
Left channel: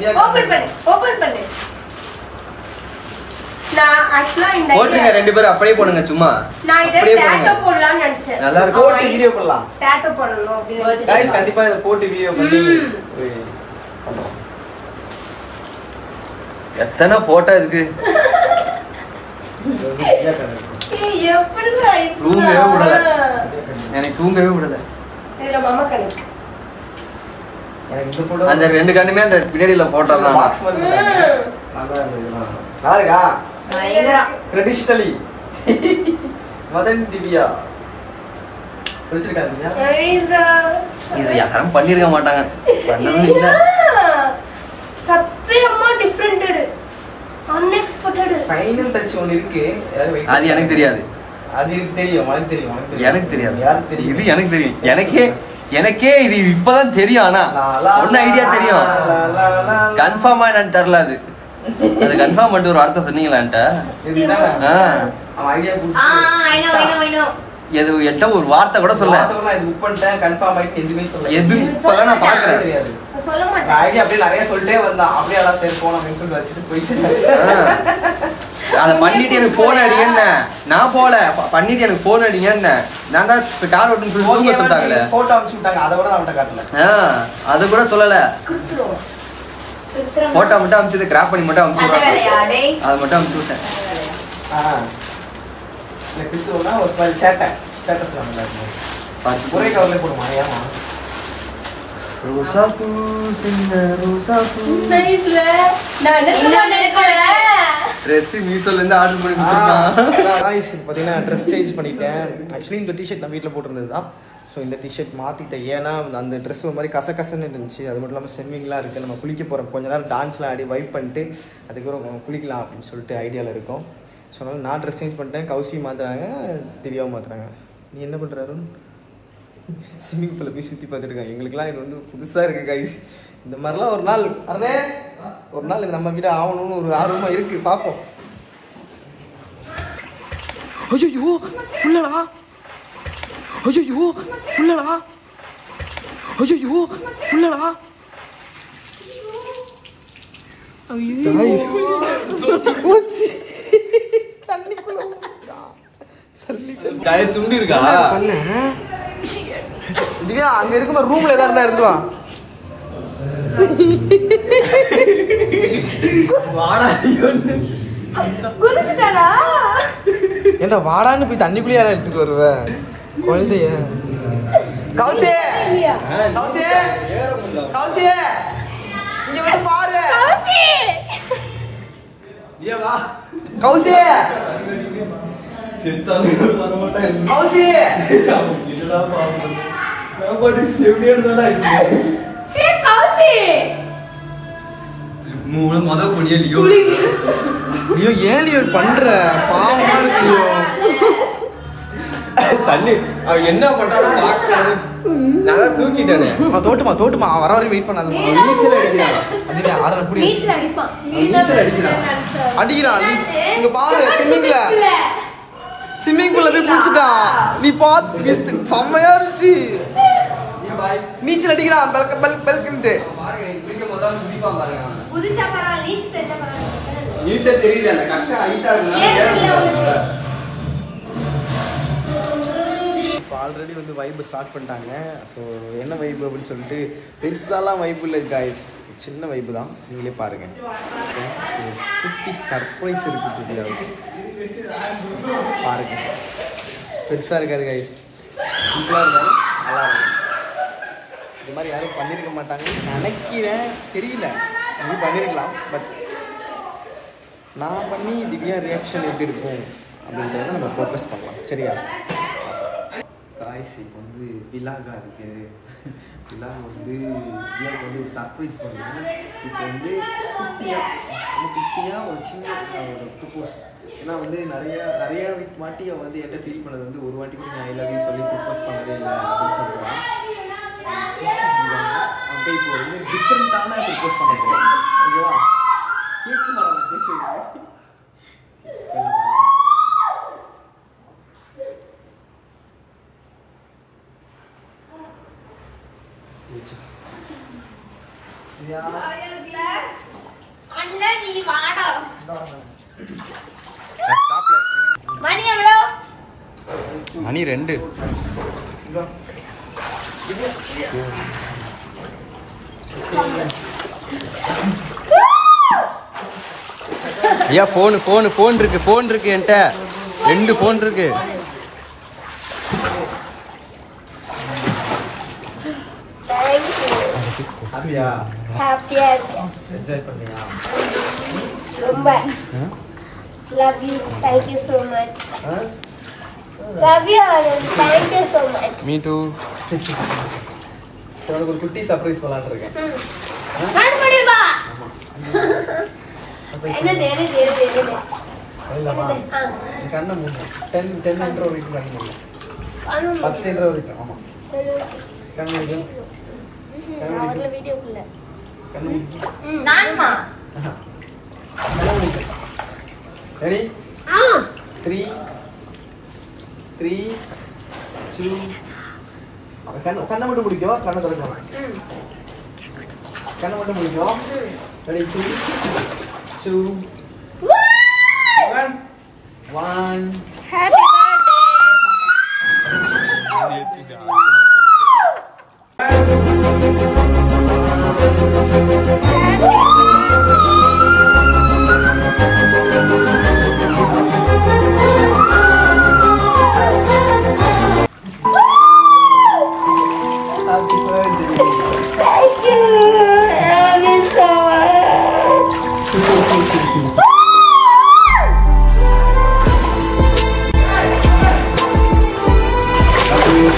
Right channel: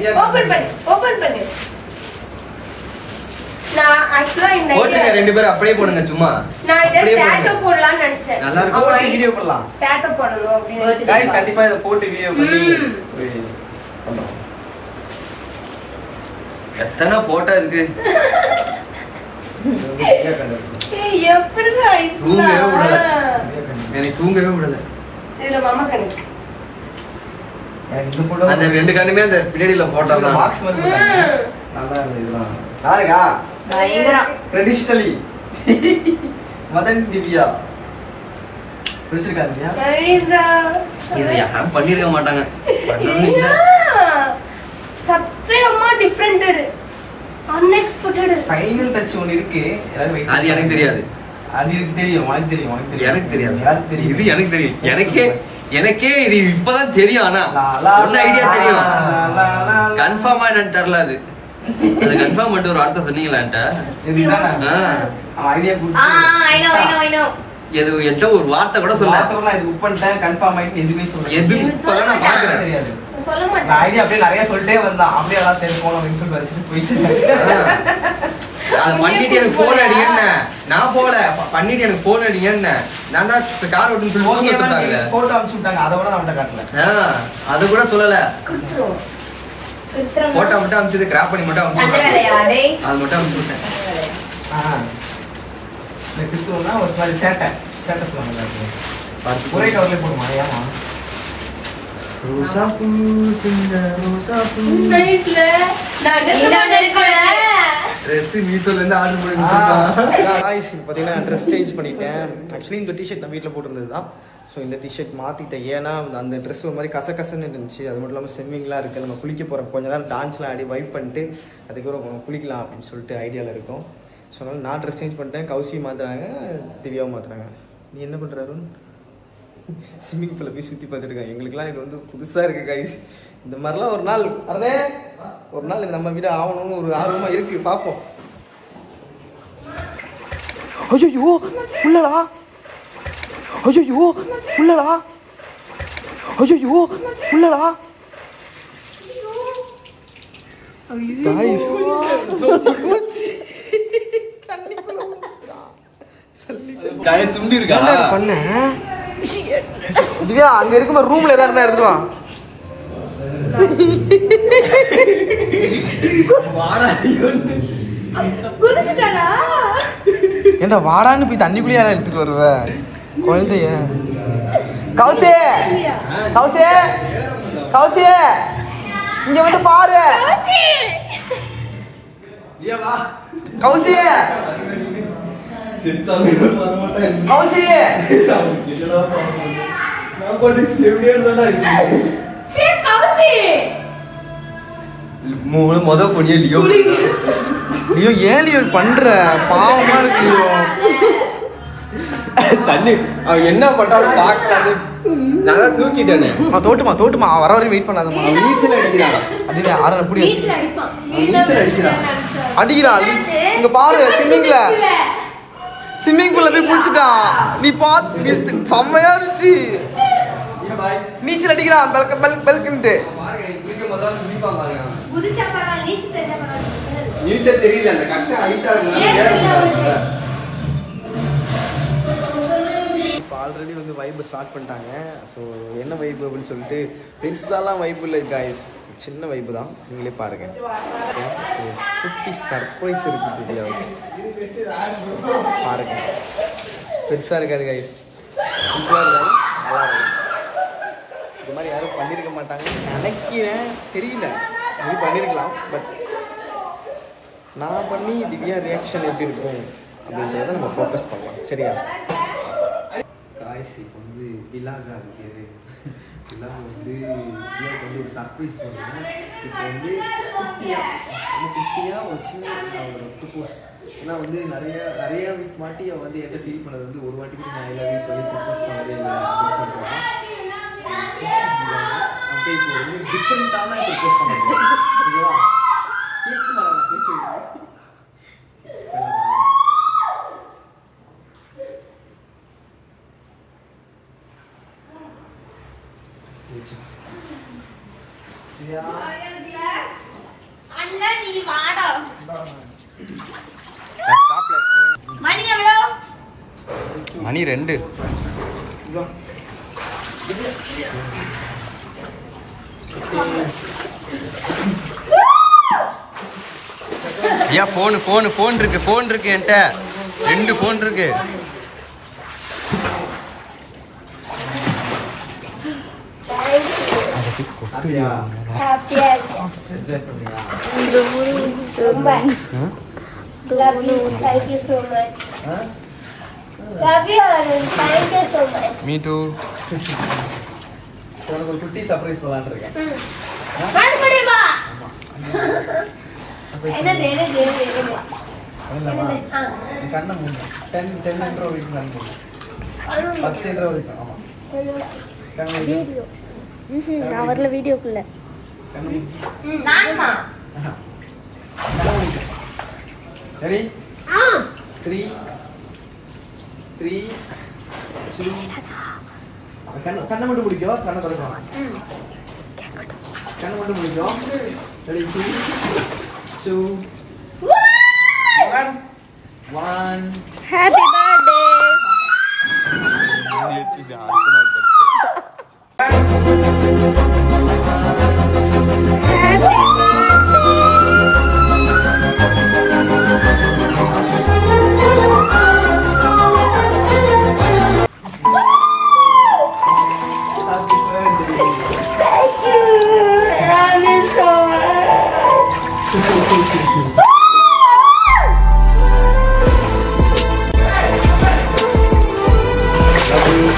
நான் ஆக்சுவலா இந்த போடுங்க ரெண்டு பேரும் அப்படியே போடுங்க சும்மா. நான் இத டாட்டோ போடலாம்னு நினைச்சேன். நல்லா இருக்கு. போட்டு வீடியோ பண்ணலாம். டாட்டோ பண்ணனும் அப்படி நினைச்சேன். गाइस கண்டிப்பா இத போட்டு வீடியோ பண்ணி பண்ணுவோம். எத்தனை போட்டோ இருக்கு. ஏய் எப்படிடா தூங்கவே விடல. இது? எனக்கு தூங்கவே விடல. இதுல மாமா கண்ணு. இந்த போட்டோ அந்த ரெண்டு கண்ணுமே அந்த பின்னாடில போட்டோலாம். பாக்ஸ் மாதிரி நல்லா இருக்கு. இதெல்லாம் நல்லா இருக்கா? பயங்கரம். ட்ரெடிஷனலி மதன் திவ்யா பிடிச்சிருக்காங்க. நைஸா. இது யாரும் பண்ணிருக்க மாட்டாங்க. சத்தியமா டிஃபரண்டட். அன்எக்ஸ்பெக்டட். ஃபைனல் டச் ஒன்னு இருக்கு. அது எனக்கு தெரியாது. அது எனக்கு தெரியும். உனக்கு தெரியும். எனக்கு தெரியாது. யாருக்கு தெரியும்? இது எனக்கு தெரியும். எனக்கே இது இப்பதான் தெரியும். ஆனா ஒன்ன ஐடியா தெரியும். கன்ஃபார்மா என்னன்னு தெரியல. அது கன்ஃபார்ம் பண்ணிட்டு ஒரு அர்த்தம் சொன்னீங்களான்ட்ட. இதுதான் அவன் ஐடியா I know. எது எந்த ஒரு வார்த்தை கூட சொல்ல. இது புக் பண்ணிட்டேன் கன்ஃபார்ம் ஆயிட்டு எதுவுமே சொல்ல. எதுவும் சொல்ல நான் பாக்குறேன். தெரியாது. சொல்ல மாட்டேன். நான் ஐடியா அப்படியே நிறைய சொல்லிட்டே வந்தான். அப்படியே எல்லாம் சரி போலாம் அப்படின்னு சொல்லிட்டு வச்சுட்டு போயிட்டு அதை பண்ணிட்டு எனக்கு போன் அடிங்க. நான் போல பண்ணிட்டு எனக்கு போன் அடிங்க. நான் தான் கார் ஓட்டுன்னு சொல்லி சொல்லிட்டாங்க. போட்டோ அனுப்பிச்சு விட்டாங்க. அதை கூட நான் காட்டல. அது கூட சொல்லல. குத்துறோம். போட்டோ மட்டும் அனுப்பிச்சது கிராப் பண்ணி மட்டும் அனுப்பிச்சு அது மட்டும் அனுப்பிச்சுட்டேன். கிறிஸ்துவனா ஒரு மாதிரி சேட்டை சொல்லுவாங்க. ஒரே கவர்ல போடுமா? ஏமா ரோசா பூ சின்ன ரோசா பூ நைஸ்ல. நான் என்ன இருக்கேன். ட்ரெஸ் மீஷோல இருந்து ஆர்டர் பண்ணி கொடுத்தேன். गाइस இப்போ பாத்தீங்கன்னா ட்ரெஸ் சேஞ்ச் பண்ணிட்டேன். ஆக்சுவலி இந்த டி-ஷர்ட் நான் வீட்டில் போட்டிருந்தது தான். ஸோ இந்த டி-ஷர்ட் மாற்றிட்டேன். ஏன்னா அந்த ட்ரெஸ் ஒரு மாதிரி கசகசன்னு இருந்துச்சு. அது மட்டும் இல்லாமல் செம்மிங்லாம் இருக்குது. நம்ம குளிக்க போகிறோம். கொஞ்ச நேரம் டான்ஸ்லாம் ஆடி வைப் பண்ணிட்டு அதுக்கப்புறம் குளிக்கலாம் அப்படின்னு சொல்லிட்டு ஐடியாவில் இருக்கும். ஸோ அதனால் நான் ட்ரெஸ் சேஞ்ச் பண்ணிட்டேன். கௌசி மாற்றுறாங்க, திவ்யாவும் மாற்றுறாங்க. நீ என்ன பண்ணுறாரு? ஸ்விம்மிங் பூலில் போய் சுற்றி பார்த்துருக்கேன். எங்களுக்குலாம் இது வந்து புதுசாக இருக்குது கைஸ். இந்த மாதிரிலாம் ஒரு நாள் இது நம்ம வீடு ஆகணும்னு ஒரு ஆர்வமாக இருக்குது. பார்ப்போம். ஐயோ உள்ளடா. गाइस தண்ணிக்குள்ள ஊத்துடா. சல்லி காய துண்டி இருக்கா? பண்ண திவ்யா அங்க இருக்குமா ரூம்ல ஏதா இருந்தா எடுத்துட்டு வா. ஏண்டா வாடான்னு போய் தண்ணிக்குள்ளே யாரா எடுத்துட்டு வருவ குழந்தைய? கௌசி இங்க வந்து பாரு. கௌசி முதல் பொடியோ ஐயோ ஏன் பண்ற பாவமா இருக்கு. தண்ணி என்ன பண்றாலும் பாக்காது. நான் தூக்கிட்டேனே. தோட்டுமா வர வரையும் வெயிட் பண்ணாதம்மா. நீச்சல் அடிக்கிறான். அதுவே ஆறன புடி நீச்சல் அடிப்பான். அடிக்கிறான். இங்க பாரு ஸ்விம்மிங் பூல்ல போய் குளிச்சிட்டான். நீ பாத்து செம்மையா இருந்துச்சு. நீச்சல் அடிக்கிறான் பெல்குன்ட்டு. நீச்சல் தெரியல. அந்த கட்ட ஹைட்டா இருக்கு. இப்போ ஆல்ரெடி வந்து வைப்பு ஸ்டார்ட் பண்ணிட்டாங்க. ஸோ என்ன வைப்பு அப்படின்னு சொல்லிட்டு பெருசாலாம் வைப்பு இல்லை காய்ஸ், சின்ன வைப்பு தான். நீங்களே பாருங்க. குட்டி சர்ப்ரைஸ் இருக்குது திவ்யாவுக்கு. பாருங்க பெருசாக இருக்காது காய்ஸ், சிம்பிளாக இருந்தாலும் நல்லா இருக்கும். இது மாதிரி யாரும் பண்ணியிருக்க மாட்டாங்கன்னு நினைக்கிறேன், தெரியல, இது பண்ணியிருக்கலாம். பட் நான் பண்ணி திவ்யா ரியாக்ஷன் எப்படி இருக்கும் அப்படின்றத நம்ம ஃபோக்கஸ் பண்ணலாம். சரியா காய்ஸ்? இப்போ வந்து விலாகா இருக்குது. விலாக வந்து திவ்யாவுக்கு வந்து ஒரு சர்ப்ரைஸ் பண்ணுறேன். இப்போ வந்து குட்டியாக ஒரு சின்ன ஒரு ப்ரப்போஸ். ஏன்னா வந்து நிறைய வாட்டி அவள் வந்து என்கிட்ட ஃபீல் பண்ணது வந்து ஒரு வாட்டி கூட நான் ஐ லவ் யூ சொல்லி ப்ரப்போஸ் பண்ணதே இல்லை அப்படின்னு சொல்கிறான். அப்படியே இப்போ வந்து டிஃப்ரெண்ட்டான ப்ரப்போஸ் பண்ண போகிறேன். ஓகேவா? கேட்க மாட்டேன் பேசுவேன். மணி 2. ஐயா ஃபோன் இருக்கு என்கிட்ட 2 ஃபோன் இருக்கு. ஹாப்பியா? என்ஜாய் பண்ணீங்களா? ரொம்ப love you, thank you so much. Love you, thank you so much. Me too. உனக்கு ஒரு குட்டி சர்ப்ரைஸ் விளையாடுறேன். மறுபடியுமா? என்னது கண்ணை மூணு 10 என்ற வரைக்கும் கண்ணு 10 என்ற வரைக்கும். ஆமா கண்ணு அவர்ல வீடியோக்குள்ள கண்ணு நான்மா ரெடி 3 2 கண்ணை மட்டும் பிடிக்கும். கண்ணை கொடுக்கும். கண்ணை மட்டும் பிடிக்கும். Ready 3 2 1 happy birthday. Thank you. Love you so much. ஹாப்பியா?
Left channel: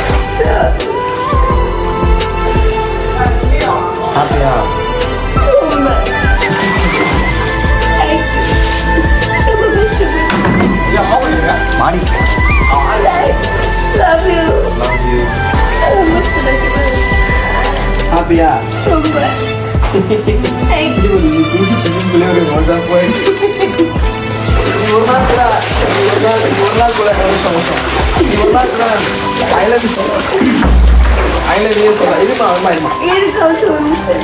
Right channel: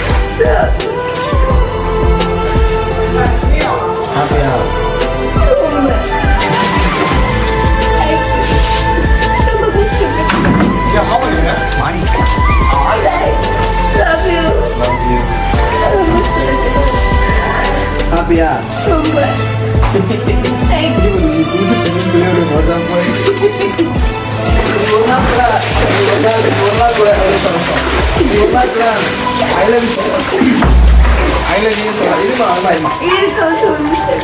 ஹாப்பியா?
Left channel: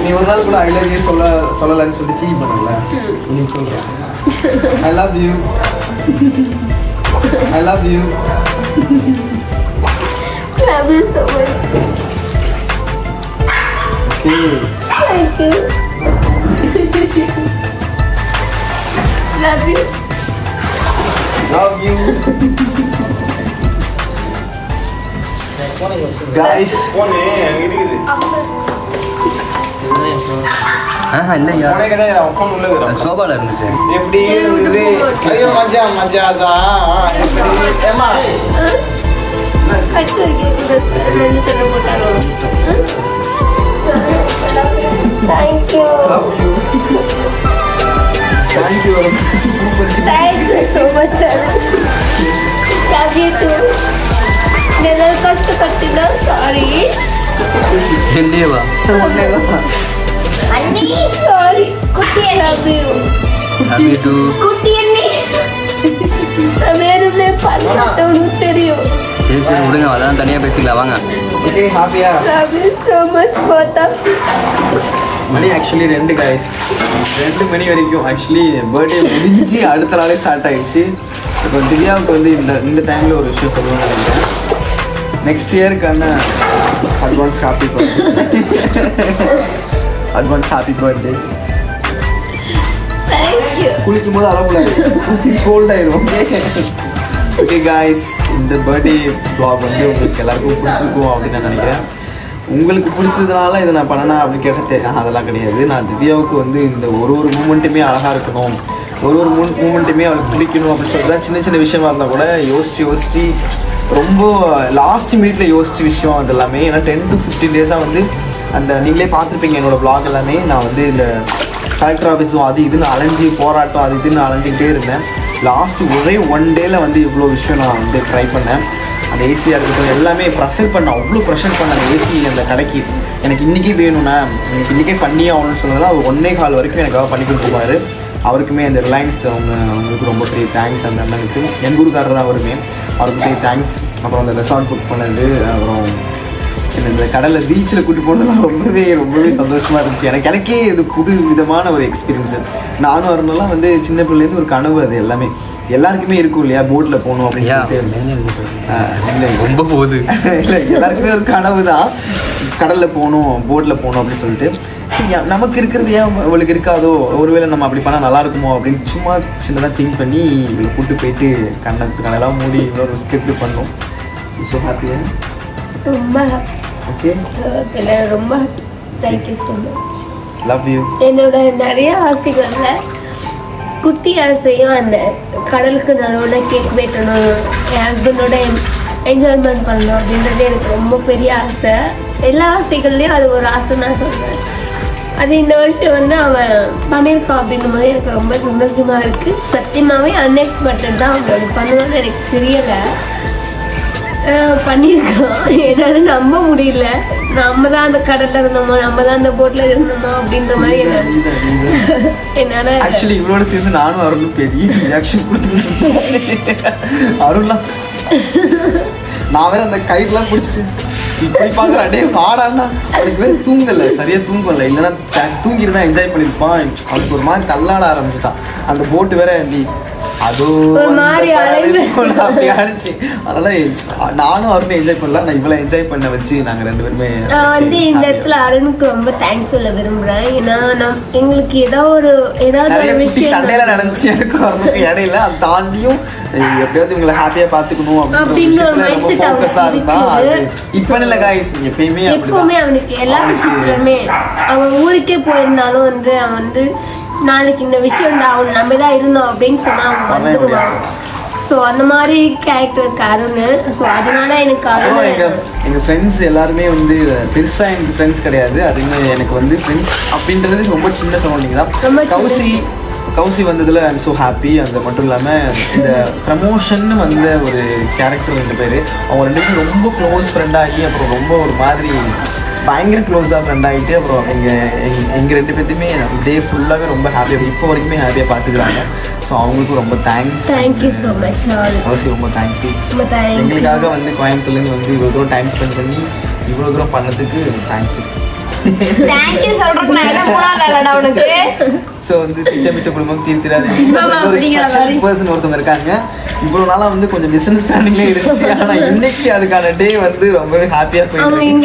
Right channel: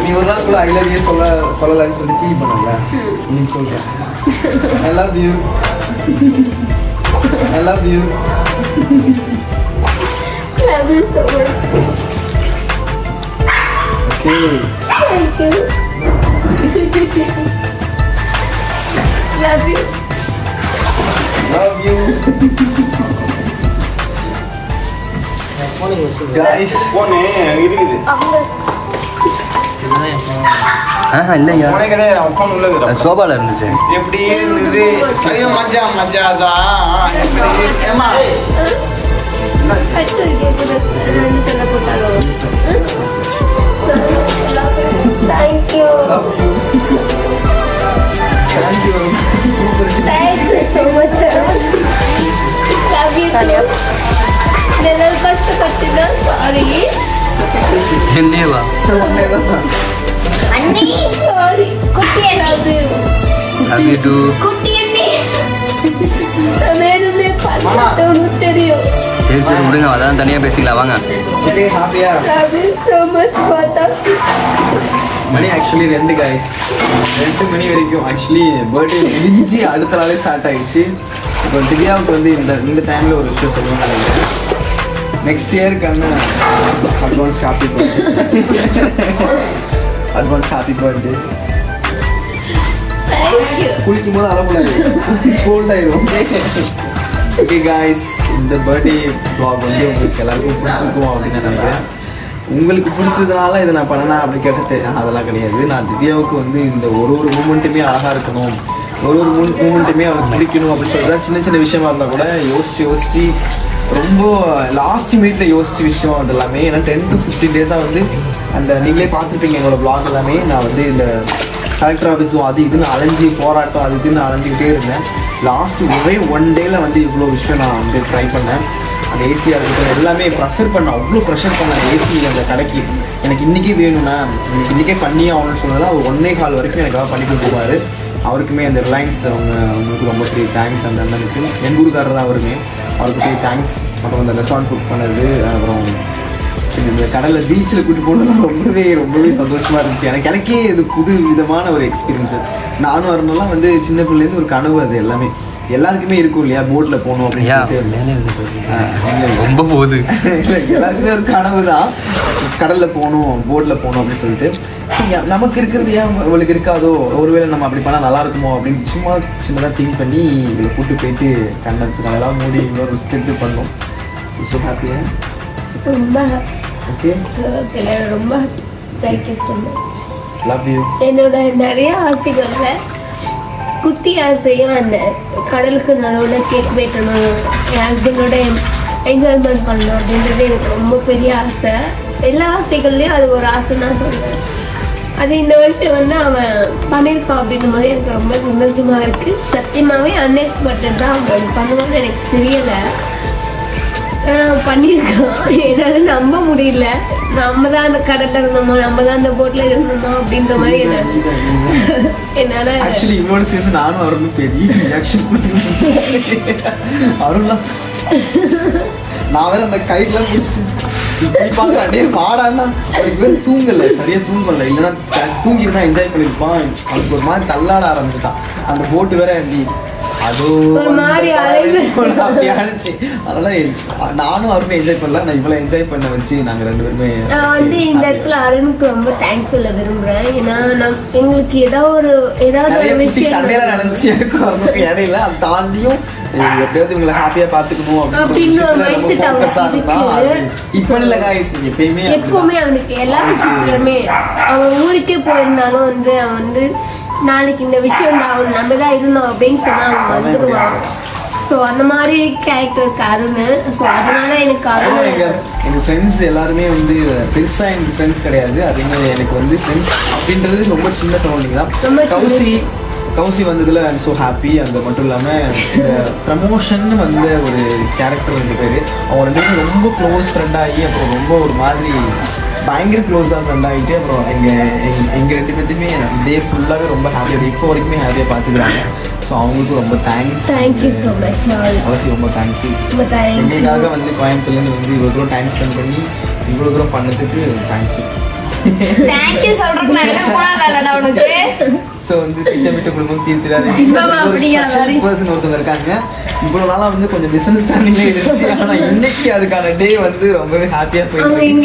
நீ ஒரு நாள் கூட ஐ லவ் யூ சொல்லலன்னு சொல்லி ஃபீல் பண்ணல. நீ சொல்றேன் I love you. I love you. Love you so much. Okay. Thank you. Love you. Love you. Guys. இல்லையா சோபால இருந்துச்சு. எப்படி இருந்தது? ஐயோ மஜா மஜாதா. ஏமா கட்டு கேக்குது சொல்ல போட்டாங்க. Thank you. Thank you. Thank you so much. Love you too. నేను కష్టపట్టినా సారీ. இல்லையவா అన్నీ సారీ. కుట్టి love you. love you too. குட்டி அண்ணி நான் பார்த்தேன்னு தெரியும். சரி சரி விடுங்க, அதான் தனியா பேசிக்கலாம் வாங்க. ஓகே ஹாப்பியா? Love you so much both of you. மணி ஆக்சுவலி 2 guys. 2 மணி வரைக்கும் ஆக்சுவலி பர்த்டே முடிஞ்சு அடுத்த நாளே ஸ்டார்ட் ஆயிடுச்சு. இப்போ திவ்யாவுக்கு வந்து இந்த டைமில் ஒரு விஷயம் சொல்லுவேன் நினைக்கிறேன். நெக்ஸ்ட் இயருக்கான advance happy birthday. Advance happy birthday. Thank you. குளிக்கும் போது அழக்கூடாது, கோல்ட் ஆயிடும். ஓகே காய்ஸ், இந்த பர்த்டே வ்ளாக் வந்து உங்களுக்கு எல்லாருக்கும் பிடிச்சிருக்கும் அப்படின்னு நான் நினைக்கிறேன். உங்களுக்கு பிடிச்சதுனால இதை நான் பண்ணனா அப்படி கேட்டேன். அதெல்லாம் கிடையாது. நான் திவ்யாவுக்கு வந்து இந்த ஒரு மூமெண்ட்டுமே அழகாக இருக்கணும், ஒரு மூமெண்ட்டுமே அவளுக்கு பிடிக்கணும் அப்படின்னு சொல்லிட்டு சின்ன சின்ன விஷயமா இருந்தால் கூட யோசிச்சு ரொம்ப லாஸ்ட் மினிட்ல யோசிச்ச விஷயம் அது எல்லாமே. ஏன்னா 10 to 15 டேஸாக வந்து அந்த நீங்களே பார்த்துருப்பீங்க என்னோட vlog எல்லாமே. நான் வந்து இந்த கலெக்டர் ஆஃபீஸும் அது இதுன்னு அலைஞ்சி போராட்டம் அது இதுன்னு அலைஞ்சிக்கிட்டே இருந்தேன். லாஸ்ட்டு ஒரே 1 டேல வந்து இவ்வளோ விஷயம் நான் வந்து ட்ரை பண்ணேன். அந்த ஏசியாக இருக்கட்டும் எல்லாமே ப்ரெஷர் பண்ணேன், அவ்வளோ ப்ரெஷர் பண்ணேன் ஏசி அந்த கடைக்கு. எனக்கு இன்றைக்கே வேணும்னா எனக்கு இன்றைக்கே பண்ணி ஆகணும்னு சொன்னதெல்லாம் அவர் 1.25 வரைக்கும் எனக்காக பண்ணி கொடுத்துருப்பாரு. அவருக்குமே அந்த ரிலையன்ஸ் அவங்களுக்கு ரொம்ப பெரிய தேங்க்ஸ். அந்த அண்ணனுக்கு எங்கள் ஊருக்காரர் தான் அவருமே, அவருக்கு பெரிய தேங்க்ஸ். அப்புறம் அந்த ரெசார்ட் புக் பண்ணது, அப்புறம் இந்த கடலில் பீச்சில் கூட்டி போனதெல்லாம் ரொம்பவே சந்தோஷமாக இருந்துச்சு. எனக்கே இது புது விதமான ஒரு எக்ஸ்பீரியன்ஸு. நானும் வரணும்லாம் வந்து சின்ன பிள்ளைலேருந்து ஒரு கனவு. அது எல்லாமே எல்லாருக்குமே இருக்கும் இல்லையா, போட்டில் போகணும் அப்படின்னு சொல்லிட்டு. ரொம்ப போகுது இல்லை, எல்லாருக்குமே ஒரு கனவு தான் கடலில் போகணும் போட்டில் போகணும் அப்படின்னு சொல்லிட்டு. நமக்கு இருக்கிறது ஏன் இவளுக்கு இருக்காதோ, ஒருவேளை நம்ம அப்படி பண்ணால் நல்லா இருக்குமோ அப்படின்னு சும்மா சின்னதாக திங்க் பண்ணி இவளை கூட்டு போயிட்டு கண்ணெல்லாம் மூடி இன்னொரு ஸ்கிரிப்ட் பண்ணோம். ஸோ ஹாப்பியாக ரொம்ப ஓகே ரொம்ப thank you so much. Love you. என்னோட நிறைய ஆசைகள்ல குட்டி ஆசையும் அந்த கடலுக்கு நல்லோட கேக் வெட்டணும், என் ஹஸ்பண்டோட என்ஜாய்மெண்ட் பண்ணணும் அப்படின்றது எனக்கு ரொம்ப பெரிய ஆசை. எல்லா ஆசைகள்லையும் அது ஒரு ஆசை நான் சொல்றேன். அது இந்த வருஷம் வந்து அவன் பண்ணியிருக்கான் அப்படின்னும் போது எனக்கு ரொம்ப சந்தோஷமா இருக்கு. சத்தியமாவே அன்எக்ஸ்பெக்டட் தான் அவன் பண்ணுவான்னு எனக்கு தெரியல. பண்ணியிருக்கான், என்னால் நம்ப முடியல. நம்ம தான் அந்த கடல்ல இருந்தோமோ, நம்ம தான் அந்த போட்ல இருந்தோமோ அப்படின்ற மாதிரி என்னால. ஆக்சுவலி இவளோட சேர்ந்து நானும் அருளும் பெரிய ரியாக்ஷன் கொடுத்துருக்கேன். அருள்லாம் நான் வேற அந்த கயிறுலாம் பிடிச்சிட்டு இப்படி பார்க்குறேன். அப்படியே ஆடானா அவளுக்கு வேறு தூங்கலை, சரியாக தூங்கலை. இல்லைன்னா தூங்கிட்டு என்ஜாய் பண்ணியிருப்பான். அவளுக்கு ஒரு மாதிரி தள்ளாட ஆரம்பிச்சுட்டான். அந்த போட்டு வேற அப்படி ஆயிடுச்சு. அதனால நானும் அவருமே என்ஜாய் பண்ணல, நான் இவ்வளவு என்ஜாய் பண்ண வச்சு நாங்க 2 பேருமே. நான் வந்து இந்த இடத்துல அருணுக்கு ரொம்ப தேங்க்ஸ் சொல்ல விரும்புறேன். ஏன்னா எங்களுக்கு ஏதாவது ஒரு விஷயம் சண்டையில நடந்துச்சு எனக்கு அவருக்கு இடையில. அது தாண்டியும் எப்படியாவது இவங்களை ஹாப்பியா பாத்துக்கணும் அப்படிங்கிற ஒரு மைண்ட் செட் அவனுக்கு இப்ப இல்ல காய்ஸ். எப்பவுமே அவனுக்கு எல்லா விஷயத்துலயுமே அவன் ஊருக்கே போயிருந்தாலும் வந்து அவன் வந்து நாளைக்கு இந்த விஷயம் அவன் நம்ம தான் இருந்தோம் அப்படின்னு சொன்னா அவன் வந்துடுவான். ஸோ அந்த மாதிரி கேரக்டருக்கு அருண். ஸோ அதனால எனக்கு எங்கள் ஃப்ரெண்ட்ஸ் எல்லாருமே வந்து பெருசா எனக்கு ஃப்ரெண்ட்ஸ் கிடையாது. அதுவுமே எனக்கு வந்து ஃப்ரெண்ட்ஸ் அப்படின்றது ரொம்ப சின்ன சரௌண்டிங் தான். கௌசி வந்ததுல ஐ எம் ஸோ ஹாப்பி. அது மட்டும் இல்லாமல் இந்த ப்ரமோஷன் வந்த ஒரு கேரக்டர் 2 பேர், அவங்க 2 பேரும் ரொம்ப க்ளோஸ் ஃப்ரெண்டாகி அப்புறம் ரொம்ப ஒரு மாதிரி பயங்கர க்ளோஸாக ஃப்ரெண்ட் ஆகிட்டு அப்புறம் எங்கள் 2 பேர்த்துமே டே ஃபுல்லாகவே ரொம்ப ஹாப்பியாக இப்போ வரைக்குமே ஹாப்பியாக பார்த்துக்கிறாங்க. ஸோ அவங்களுக்கும் ரொம்ப தேங்க்யூ ஸோ மச். அவசியம் ரொம்ப தேங்க்யூ. எங்களுக்காக வந்து கோயம்புத்தூர்லேருந்து வந்து இவ்வளோ தூரம் டைம் ஸ்பெண்ட் பண்ணி இவ்வளோ தூரம் பண்ணதுக்கு தேங்க்யூ. ஸோ வந்து திட்டமிட்ட குடும்பம் தீர்த்திராது பர்சன் ஒருத்தவங்க இருக்காங்க. இவ்வளவு நாளா வந்து கொஞ்சம் மிஸ் அண்டர்ஸ்டாண்டிங்ல இருந்துச்சு. ஆனா இன்னைக்கு அதுக்கான டே வந்து ரொம்பவே ஹாப்பியா போயிட்டு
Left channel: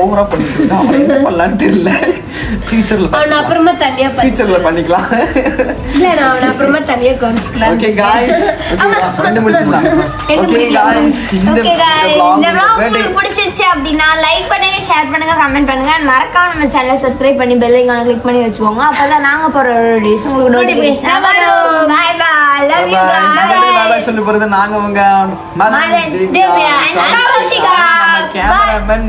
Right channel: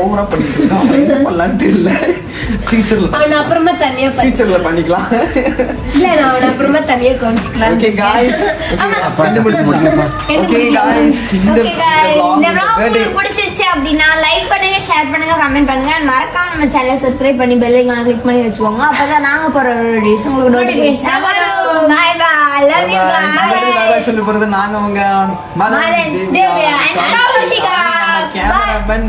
ஓவரா பண்ணிட்டு தெரியல. ஃபியூச்சர்ல பண்ணிக்கலாம். ஓகே गाइस, இந்த vlog பிடிச்சிருச்சு அப்படினா லைக் பண்ணுங்க, ஷேர் பண்ணுங்க, கமெண்ட் பண்ணுங்க. மறக்காம நம்ம சேனலை சப்ஸ்கிரைப் பண்ணி பெல் ஐகானை கிளிக் பண்ணி வச்சுக்கோங்க. அப்பதான் நாங்க போற வீடியோஸ் உங்களுக்கு நோட்டிஃபிகேஷன் வரும். Bye bye, love you guys. Bye சொல்லி போறது நாங்க உங்க மதன் திவ்யா கௌஷிகா கேமராமேன்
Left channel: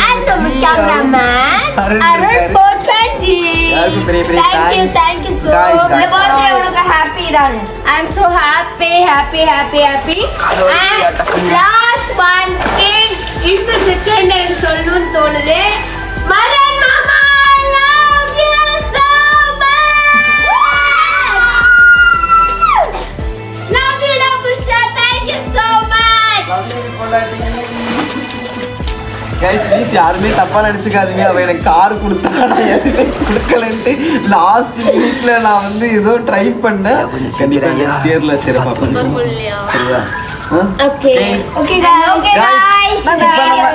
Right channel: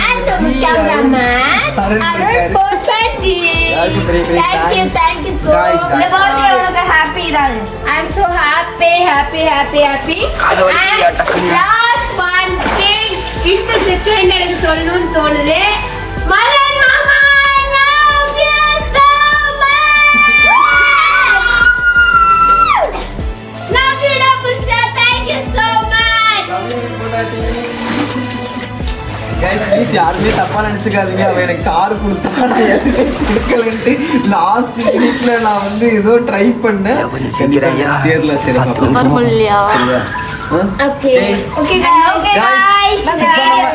அருண் போட்ராஜி. Thank you so much. The birthday உனக்கு happy தான். I'm so happy. And last one thing, இப்ப செகண்ட் எனக்கு சொல்லணும்னு தோணுது. மதன் மாமா, I love you so much. Love you double shot. Thank you so much. Guys please யாருமே தப்பா நினைச்சுக்காதீங்க. அவன் எனக்கு கார் கொடுத்தா நான் எதுவுமே கொடுக்கலன்ட்டு லாஸ்ட் மினிட்ல நான் வந்து ஏதோ ட்ரை பண்ணேன். நெக்ஸ்ட் இயர்ல சரி பாப்போம். சரியா? Okay guys.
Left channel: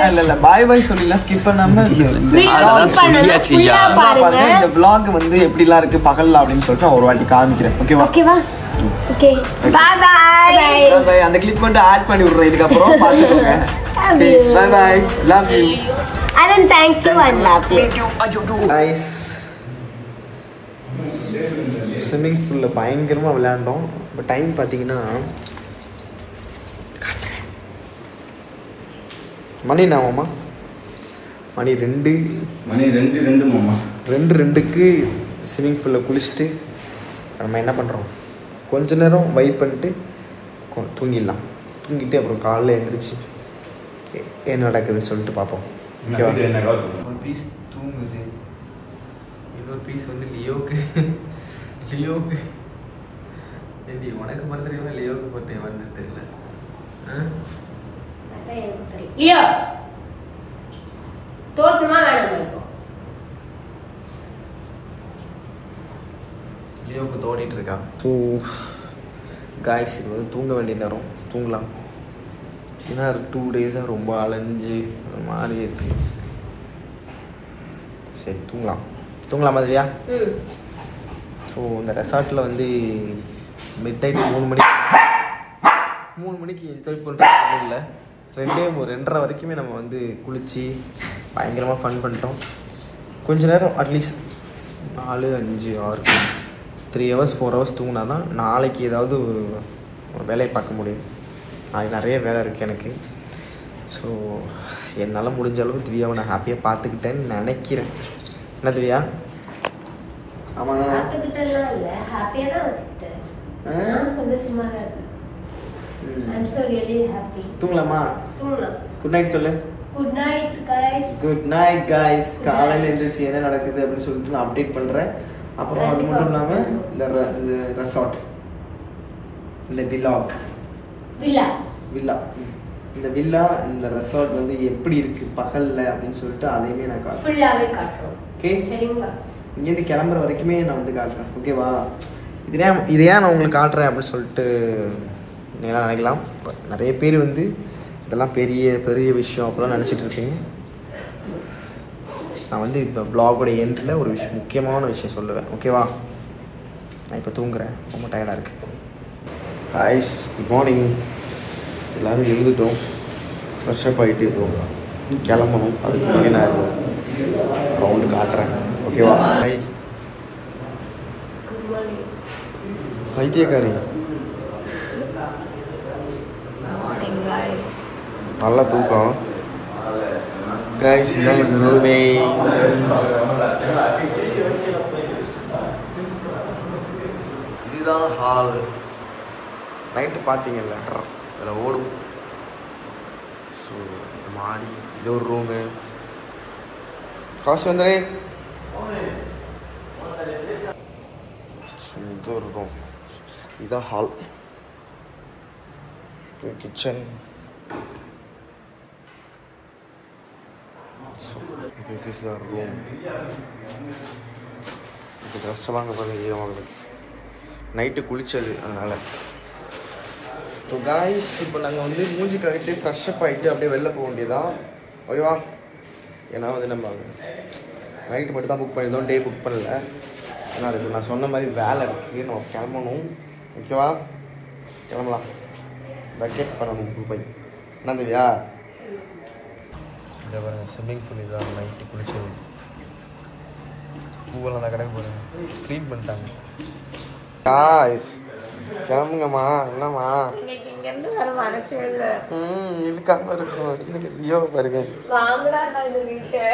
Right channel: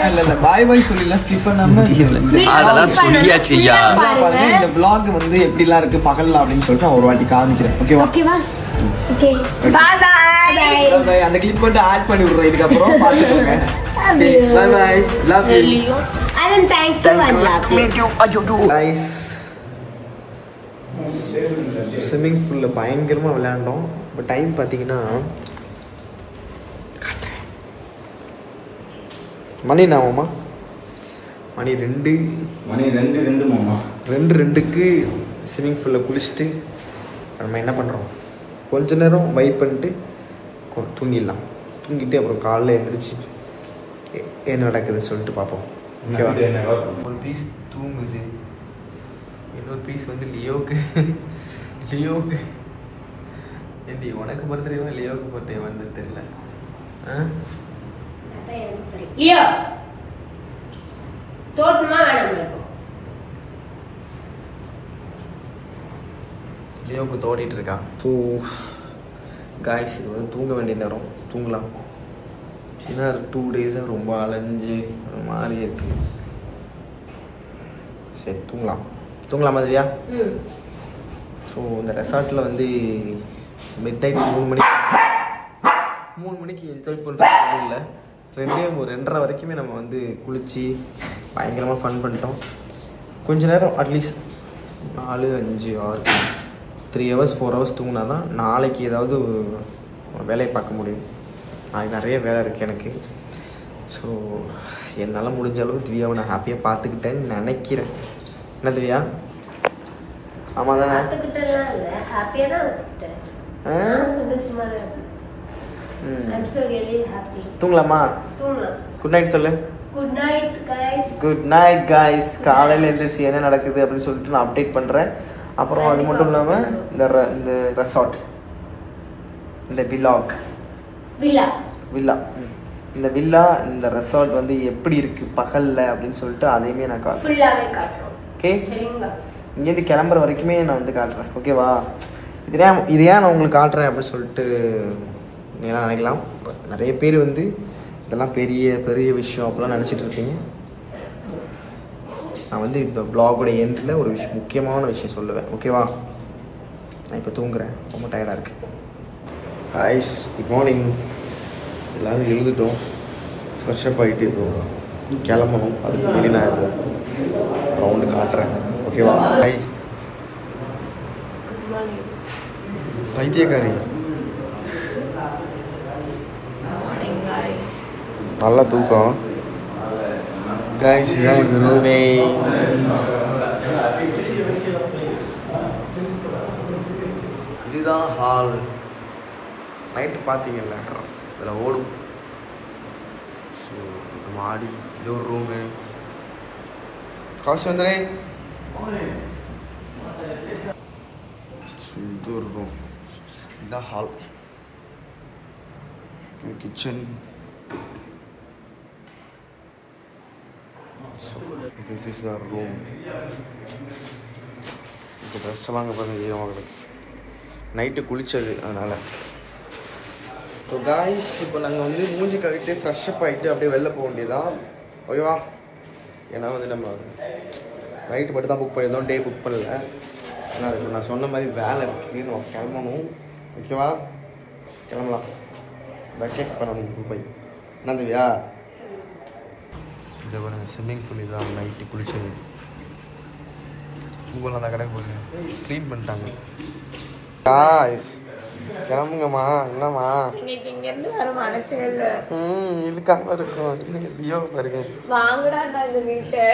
இல்ல பை பை சொல்லலாம், ஸ்கிப் பண்ணாம அதெல்லாம் சொல்லியாச்சுயா. பாருங்க இந்த vlog வந்து எப்படிலாம் இருக்கு பகல்ல அப்படின்னு சொல்லிட்டு நான் ஒரு வாட்டி காமிக்கிறேன். ஓகேவா? Okay bye bye. அந்த கிளிப் மட்டும் ஆட் பண்ணி விடுறேன் இதுக்கு அப்புறம் பாத்துக்கோங்க. Bye bye, love you. Arun, thank you and love you. Guys, swimming பூலில் பயங்கரமாக விளையாண்டோம். இப்போ டைம் பார்த்தீங்கன்னா மணி நாமாம்மா மணி 2 மாமா 2:02க்கு ஸ்விம்மிங் பூலில் குளிச்சுட்டு நம்ம என்ன பண்ணுறோம், கொஞ்ச நேரம் வைப் பண்ணிட்டு தூங்கிடலாம். தூங்கிட்டு அப்புறம் காலைல எழுந்திரிச்சு என்ன நடக்குதுன்னு சொல்லிட்டு பார்ப்போம். ஓகேவா? ஒரு பீஸ் தூங்குது, இன்னொரு பீஸ் வந்து லியோவுக்கு ஏண்டி உனக்கு பொறுத்தவரைக்கும் லியோவுக்கு போட்டு வந்து தெரியல. லியோ தோட்டமா வேணாம் இப்போ லியோவுக்கு தோடிட்டு இருக்கான். ஸோ காய்ஸ், இது வந்து தூங்க வேண்டிய நேரம், தூங்கலாம். ஏன்னா 2 டேஸாக ரொம்ப அலைஞ்சு மாதிரி இருக்கு. சரி தூங்கலாம் மாதிரியா? ஸோ இந்த ரெசார்ட்டில் வந்து மிட் நைட் 3 மணிக்கு என்ஜாய் பண்ணுறது இல்லை, 2:30 வரைக்குமே நம்ம வந்து குளித்து பயங்கரமாக ஃபன் பண்ணிட்டோம். கொஞ்ச நேரம் அட்லீஸ்ட் 4, 5, 6, 3 ஹவர்ஸ் 4 ஹவர்ஸ் தூங்கினா தான் நாளைக்கு ஏதாவது ஒரு வேலையை பார்க்க முடியும். நாளைக்கு நிறைய வேலை இருக்குது எனக்கு. ஸோ என்னால் முடிஞ்ச அளவு திவ்யாவை நான் ஹாப்பியாக பார்த்துக்கிட்டேன்னு நினைக்கிறேன். என்ன திவ்யா? ஆமாம் தானே? பார்த்துக்கிட்டலாம் இல்லை, ஹாப்பியாக தான் வச்சுக்கிட்டேன். சந்தோஷமாக தான் இருக்கு. I'm so really happy. தூங்கலாமா? தூங்கலாம். குட் நைட் சொல்லு. Good night guys. Good night guys. காலையில் எழுந்திரிச்சு என்ன நடக்குது அப்படின்னு சொல்லிட்டு நான் அப்டேட் பண்ணுறேன். அப்புறம் அது மட்டும் இல்லாமல் இந்த ரெசார்ட், இந்த வில்லா இந்த வில்லா இந்த ரெசார்ட் வந்து எப்படி இருக்கு பகலில் அப்படின்னு சொல்லிட்டு அதையுமே நான் காட்டுறேன். ஓகே, இங்கேருந்து கிளம்புற வரைக்குமே நான் வந்து காட்டுறேன். ஓகேவா? இது ஏன் நான் உங்களுக்கு காட்டுறேன் அப்படின்னு சொல்லிட்டு நீங்களாம் நினைக்கலாம். நிறைய பேர் வந்து இதெல்லாம் பெரிய பெரிய விஷயம் அப்படிலாம் நினச்சிட்டு இருப்பீங்க. நான் வந்து இந்த வ்ளாகோட எண்டில் ஒரு முக்கியமான விஷயம் சொல்லுவேன். ஓகேவா? நான் இப்போ தூங்குறேன், ரொம்ப டயர்டாக இருக்கு. ஹாய்ஸ், குட் மார்னிங். எல்லோரும் எழுதிட்டோம், ஃப்ரெஷ்ஷப் ஆகிட்டு இப்போ கிளம்பணும். அதுக்கு முன்னாடி நான் ரவுண்டு காட்டுறேன். ஓகேவா? ஹாய் பைத்தியக்காரி, நல்லா தூக்கம். கைஸ், இதான் ரூமே. இதுதான் ஹால். நைட்டு பார்த்தீங்கல்ல, இதில் ஓடும். ஸோ மாடி, இது ஒரு ரூமு. காசு வந்துடுறேன். இது ஒரு ரூம், இதுதான் hall. Kitchen. This is our room. இந்த ட்ரெஸ் எல்லாம் அங்கே பாருங்க, ஈரமாக நைட்டு குளிச்சது அதனால். ஸோ காய்ஸ், இப்போ நாங்கள் வந்து மூஞ்சி கழிட்டு ஃப்ரெஷ்ஷப் ஆகிட்டு அப்படியே வெளில போக வேண்டியதான். ஓகேவா? ஏன்னா வந்து நம்ம நைட்டு மட்டும் தான் புக் பண்ணியிருந்தோம், டே புக் பண்ணல. ஏன்னா அதுக்கு நான் சொன்ன மாதிரி வேலை இருக்குது, நம்ம கிளம்பணும். ஓகேவா? கிளம்பலாம். பக்கெட் பண்ணணும் ரூபாய். என்ன தேவையா? இதை பாருங்க, ஸ்விம்மிங் பூல் இதுதான் நைட்டு குளிச்சது. பூவெல்லாம் தான் கடைக்கு போடுங்க, க்ளீன் பண்ணிட்டாங்க. காய்ஸ், கிளம்புங்கம்மா. என்னம்மா இங்கிருந்து வர மனசே இல்லை. இருக்காம இருக்கும். லியோ பாருங்க, வீட்டை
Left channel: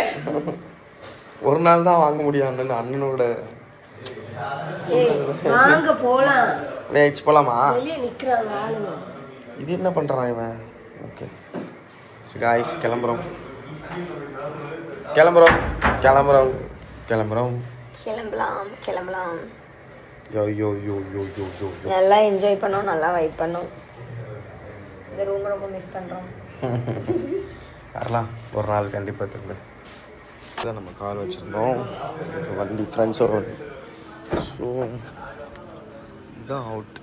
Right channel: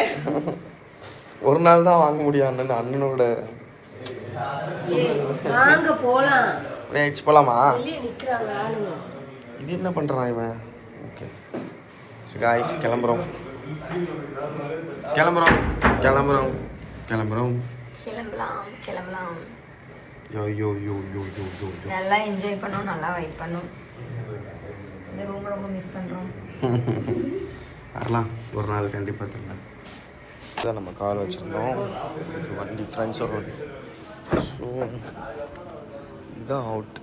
ஒரு நாள் தான் வாங்க முடியும் அண்ணனோட. வாங்க போலாம். போலாமா? நிக்கிறாங்க ஆளுங்க. இது என்ன பண்றான் இவன்? ஓகே காய்ஸ், கிளம்புறோம். யோ யோ யோ யோ யோ யோ யோ. நல்லா என்ஜாய் பண்ணோம், நல்லா வைப் பண்ணோம். இந்த ரூம் ரொம்ப மிஸ் பண்றோம். வரலாம் ஒரு நாள் கண்டிப்பாக. தெரியல இதான் நம்ம கார் வச்சுருந்தோம், வண்டி ஃப்ரெண்ட்ஸோட. ஸோ இதுதான் அவுட்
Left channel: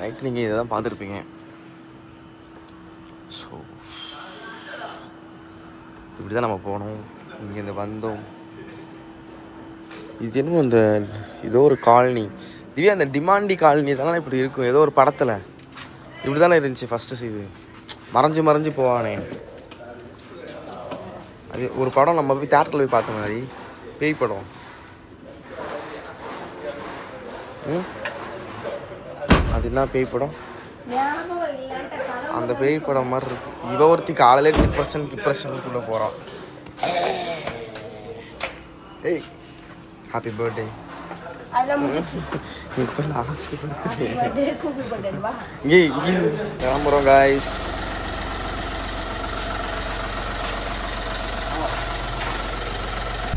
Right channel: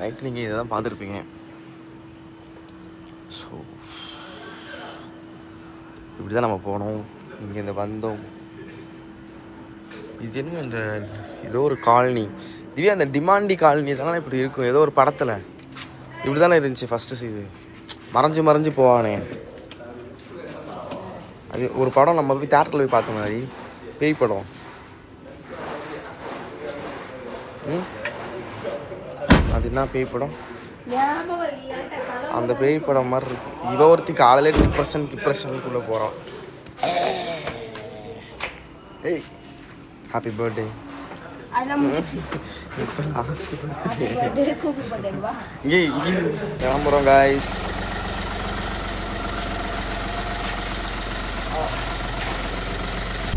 நைட். நீங்கள் இதை தான் பார்த்துருப்பீங்க. ஸோ இப்படி தான் நம்ம போனோம். இங்கேருந்து வந்தோம். இது என்னமோ இந்த ஏதோ ஒரு காலனி, இதுவே அந்த டிமாண்டி காலனி தானே இப்படி இருக்கும். ஏதோ ஒரு படத்தில் இப்படி தானே இருந்துச்சு ஃபஸ்ட்டு. இது மறைஞ்சு போவானே. அது ஒரு படம் நம்ம போய் தியேட்டரில் போய் பார்த்த மாதிரி, பேய் படம். அது என்ன பேய் படம்? அந்த பேய் படம் மாதிரி இருக்கு. இவ ஒருத்தி காலையில டிப்ரெஷனுக்குள்ள போறான். ஏய் ஹாப்பி பர்த்டே. இப்போ லாஸ்ட் பர்த்டே கிளம்புறோம் காய்ஸ்.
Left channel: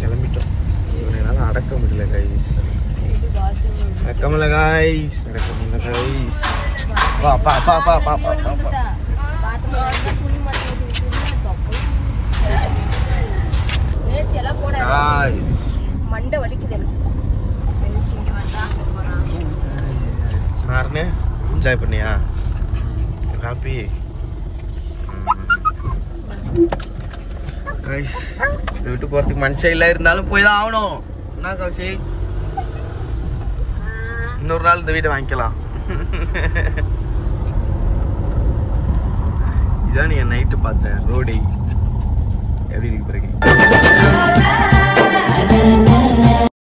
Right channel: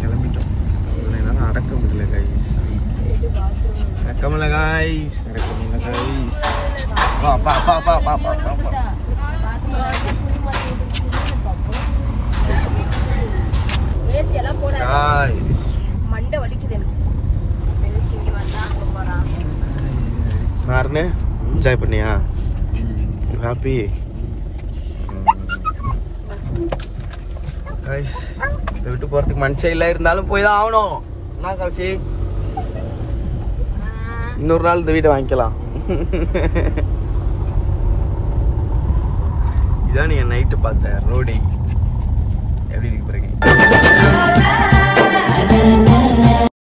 கிளம்பிட்டோம். இவனால அடக்க முடியல கைஸ். அடக்கமில்ல கைஸ். வா பா பா பா பா பா பா பா. மண்டை வலிக்குது. சார்னே என்ஜாய் பண்ணியா? Happy guys. விட்டு போறதுக்கு மனுஷன் இல்லை, இருந்தாலும் போய் தான் ஆகணும். என்ன கௌசி, இன்னொரு நாள் இந்த வீட்டை வாங்கிக்கலாம். இதான் நீங்க நைட்டு பார்த்த ரோடு எப்படி இருக்கு பாருங்க.